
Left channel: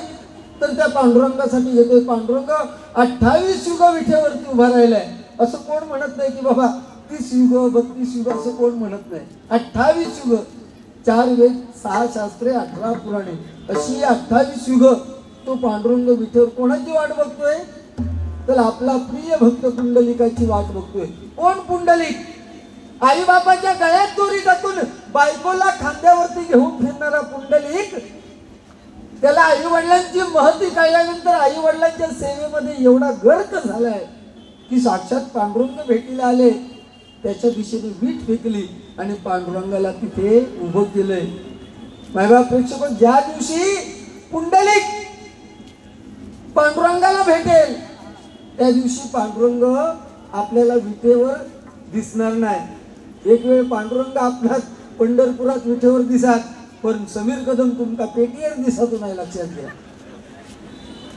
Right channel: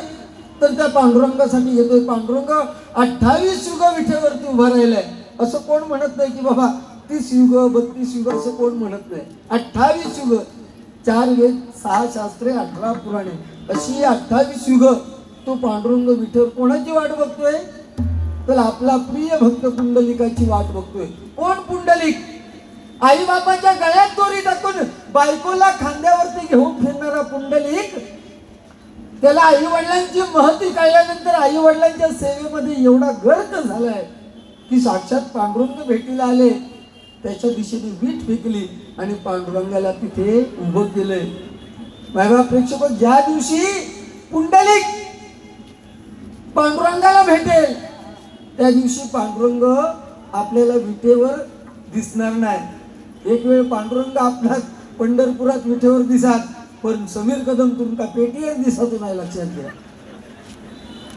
तर त्या पांडुरंगासाठी घेतोय. पांडुरंग 28 युग विठेवरती उभा राहिलाय. असं कोण म्हणत नाही की बाबा 30 युग 32 युग असं कोण म्हणत नाही. 28 युग, 4 वेद, 6 शास्त्रे, 18 पुराणे अशी 28 युग तो पांडुरंग विठेवर कोणाची वाट बघतोय तर आपला प्रिय भक्त पुंडलिकाची वाट बघतोय. कोण पुंडलिक आई बापाच्या गळ्यात दोरी टाकून बायकोला खांद्यावरती घेऊन फिरणारा पुंडलिक, त्याला आई वडिलांची महती कळल्यानंतर आई वडिलांच्या सेवेमध्ये एवढा गर्क झालाय की साक्षात पांडुरंग भेटीला आले, त्याच्या दिशेने वीट फेकली आणि पांडुरंगाला तिथे उभं केलंय. मायबाप प्रेक्षक, ज्या दिवशी पुंडलिक पांडुरंगाला भेटेल त्या दिवशी पांडुरंग आपल्याला विटेवर दिसणार नाही. एक वेळ पांडुरंग आपला पंढरपुरात विटेवर दिसात, पण समीर कदम तुमका पेटीवर दिसतो नाही, लक्षात घ्या.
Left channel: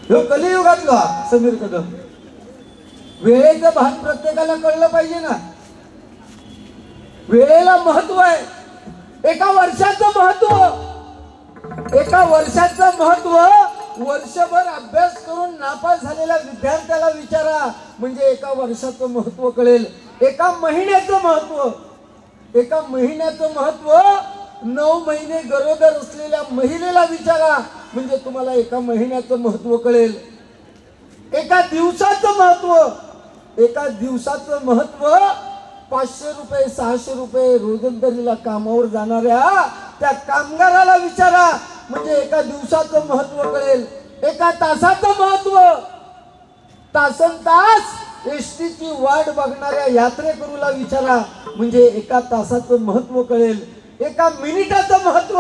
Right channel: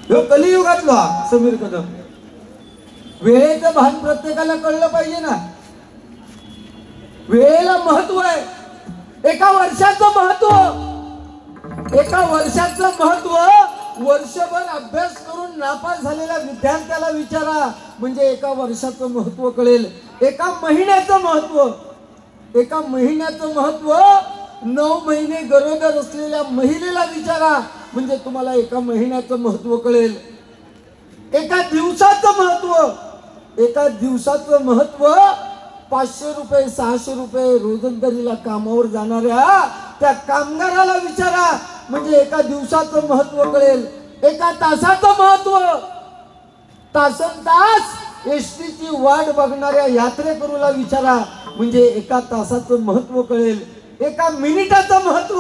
ह्यो कलियुगातला समीर कदम. वेळेचं भान प्रत्येकाला कळलं पाहिजे ना. वेळेला महत्व आहे. एका वर्षाचं महत्व वर्षभर अभ्यास करून नापास झालेल्या विद्यार्थ्याला विचारा, म्हणजे एका वर्षाचं महत्व कळेल. एका महिन्याचं महत्व 9 महिने गरोदर असलेल्या महिलेला विचारा, म्हणजे तुम्हाला एका महिन्याचं महत्व कळेल. एका दिवसाचं महत्व 500 रुपये 600 रुपये रोजंदारीला कामावर जाणाऱ्या त्या कामगाराला विचारा, म्हणजे एका दिवसाचं महत्व कळेल. एका तासाचं महत्व तासन-तास एसटीची वाट बघणाऱ्या यात्रेकरूला विचारा, म्हणजे एका तासाचं महत्व कळेल. एका मिनिटाचं महत्व,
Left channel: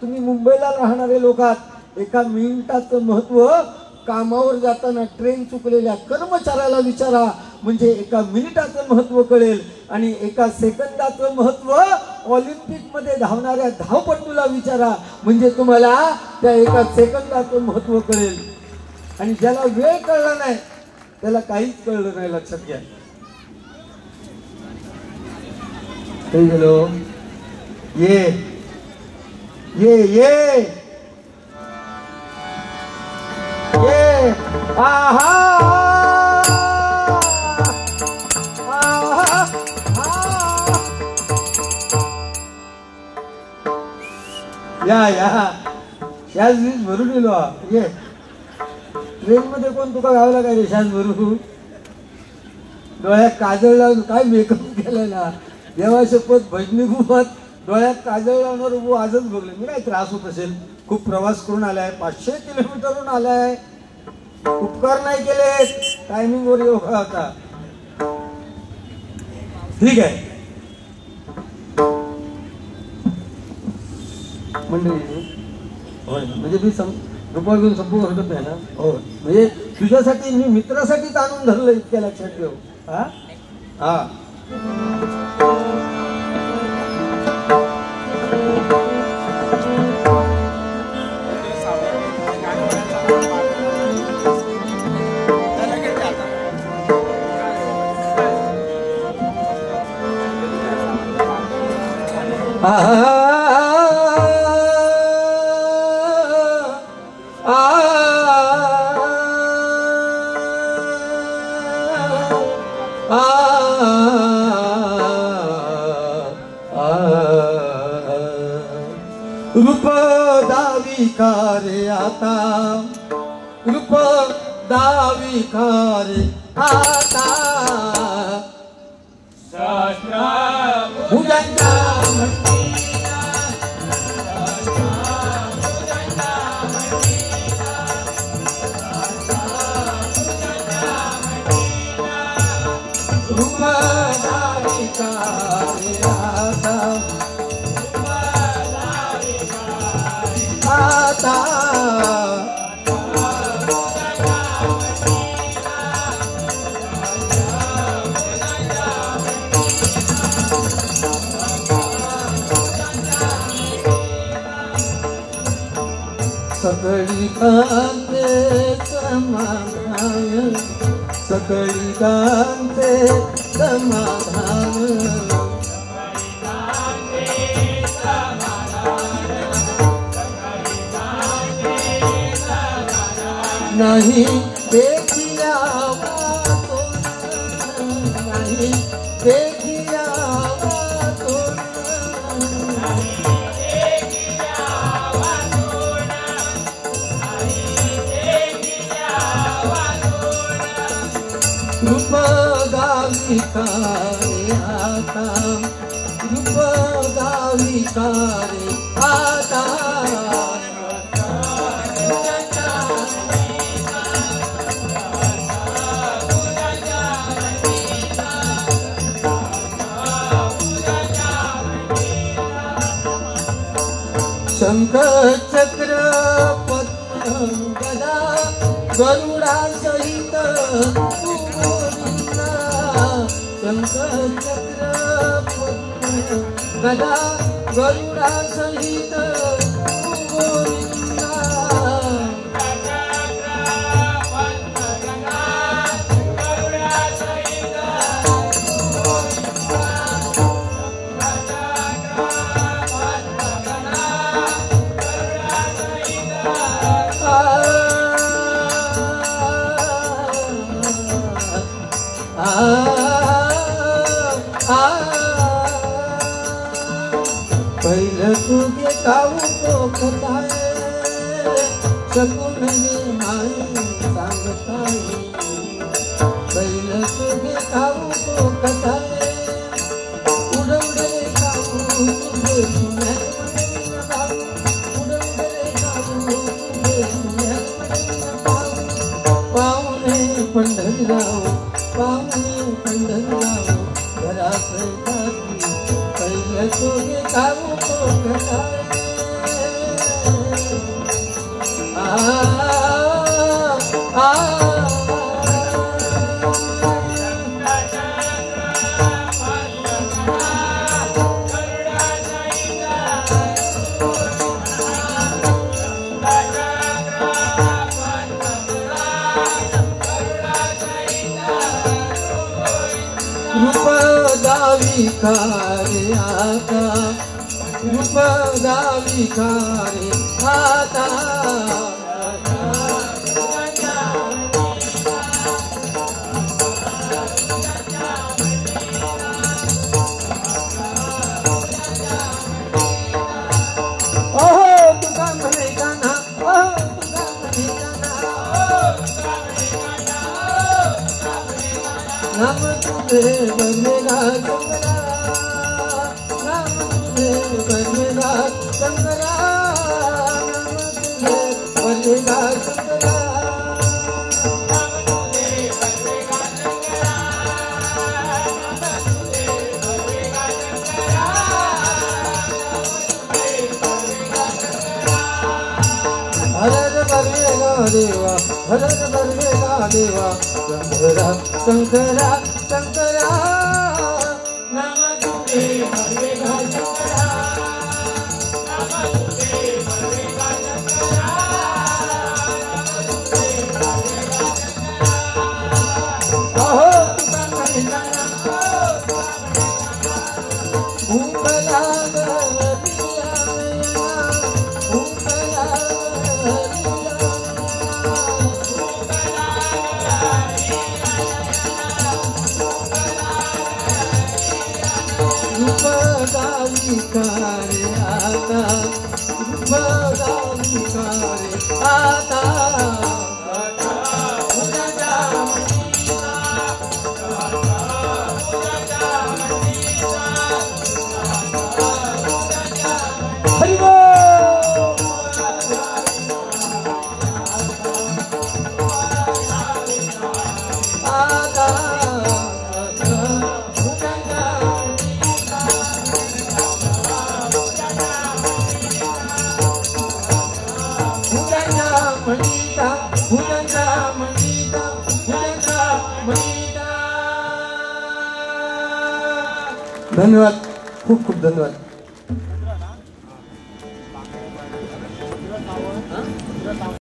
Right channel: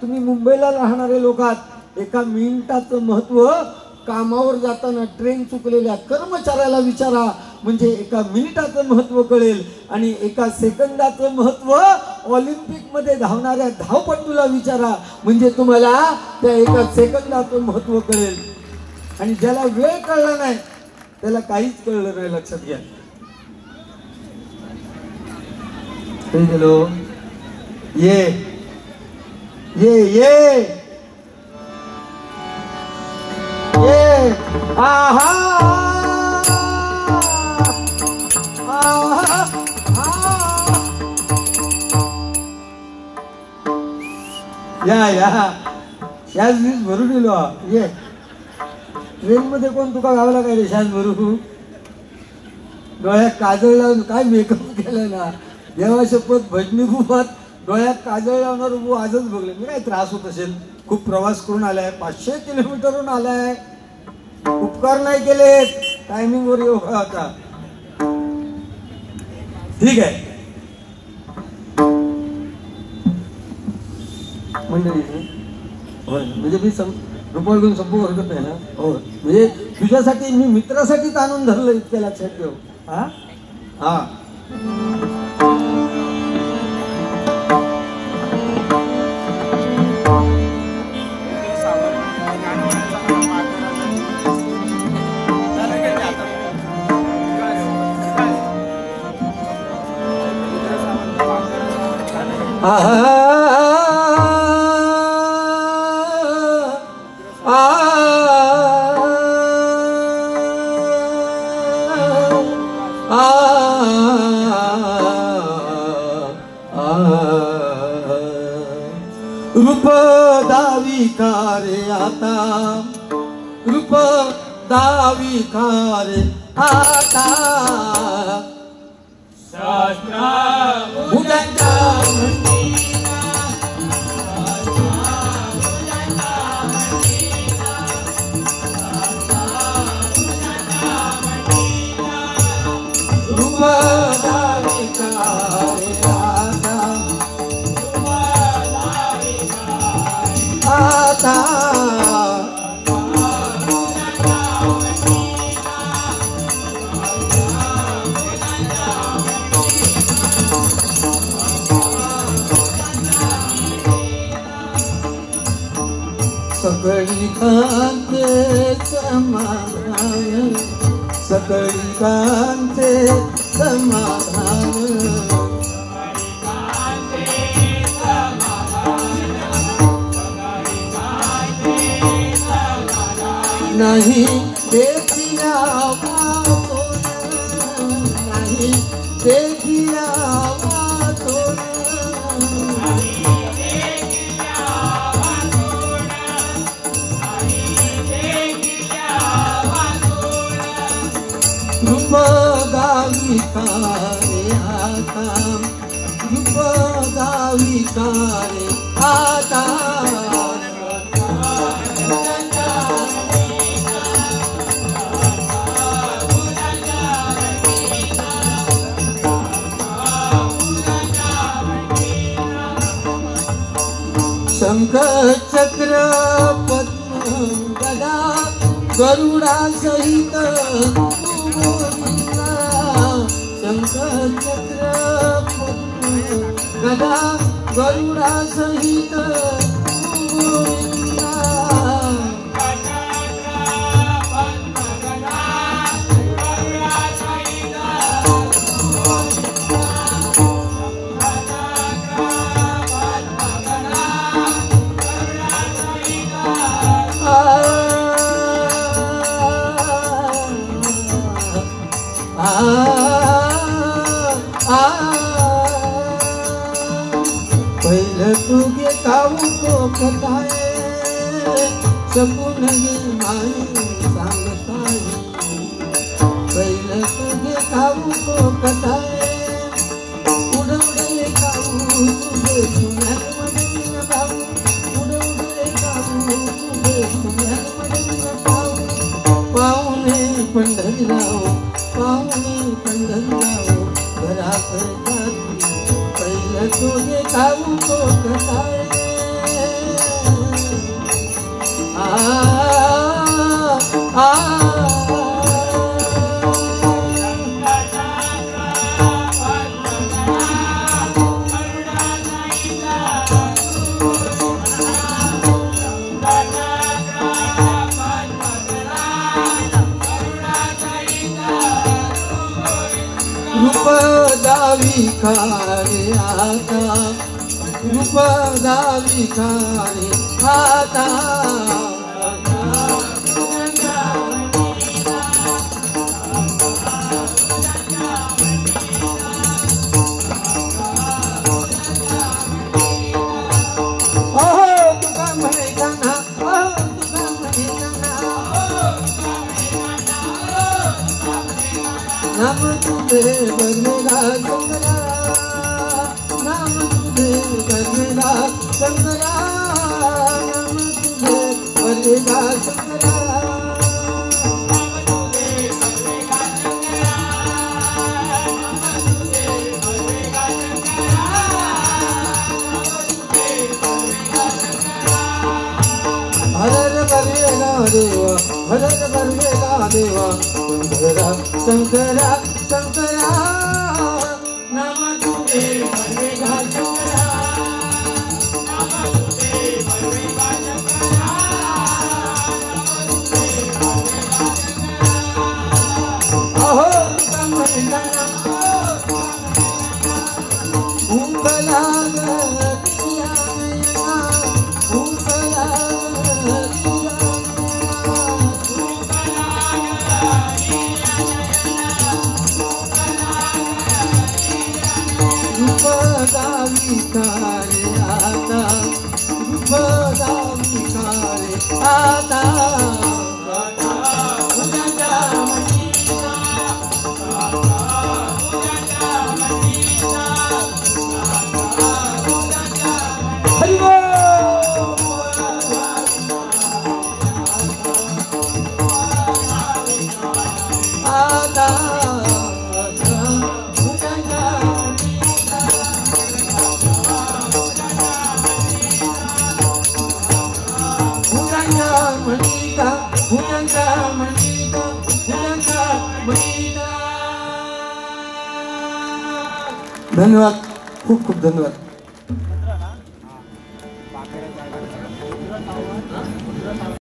तुम्ही मुंबईला राहणारे लोक आहात, एका मिनिटाचं महत्व कामावर जाताना ट्रेन चुकलेल्या कर्मचाऱ्याला विचारा, म्हणजे एका मिनिटाचं महत्व कळेल. आणि एका सेकंदाचं महत्व ऑलिम्पिक मध्ये धावणाऱ्या धावपटूला विचारा, म्हणजे तुम्हाला त्या एका सेकंदाचं महत्व कळेल. आणि ज्याला वेळ कळला नाही त्याला काहीच कळलं नाही, लक्षात घ्या. काही गेलो ये ये ये ये आहा आहा या वीज भरून गेलो. ये ट्रेन मध्ये कोण तुका गावला काय शास भरू, डोळ्यात काजळ लावून काय मेकअप केलाय ना, देवा शपथ भजनी गुफात डोळ्यात काजळ लावणार उभू आजच बघले मी. काय त्रास होत असेल, खूप प्रवास करून आलाय, 500 किलोमीटरहून आलाय, उपकार नाही केले, टायमिंग वर योगा होता. ठीक आहे म्हणजे मी रुपये घेऊन संपूर्ण ओरडत नाही ना. हो म्हणजे तुझ्यासाठी मी मित्रासाठीच आणून धरलं, इतक्या लक्षात ठेव. हा हा रूप दावी कारे आता, रूप दावी कारे आता, भुजंगा रूप दावी कारे आता, आता सकळी कांते समाधान, सकळी कांते समाधान, नाही देखिया वाचोन, नाही देखिया वाचोन, रूप गावी विकारे आता रूप विकारे आता शंख चक्र पद्म गदा गरुडा सहित शंख चक्र पद्म गदा गरुडा सहित पहिलं तुझे ठाऊक कथाय शकून गे माई सांगताय पहिलं तुझे ठाऊक कथाय उडवडे काऊ तुझे पुण्यात म्हणून भाऊ उडवडे काऊ तुझे पुण्यात म्हणून भाऊ पाहुणे पंढरीराव पाहुणे पंढरीराव घरात जाती पहिलं तुझे खाऊ कथाय रूप विकारे आता रूप विकारे आता ओहो तुका म्हणे कान्हा ओहो तुका म्हणे कान्हा नाम तुझे बनेगा शंकरा नाम तुझे बनेगा शंकरा नाम तुझे बनेगा शंकरा हरण करेगा देवा हरण करेगा देवा शंकरा शंकरा शंकरा नाम तुझे बनेगा शंकरा नाम तुझे बनेगा शंकरा अहो तुका म्हणे भूकला विकारे आता विकारे आता धन्यवाद खूप खूप धन्यवाद.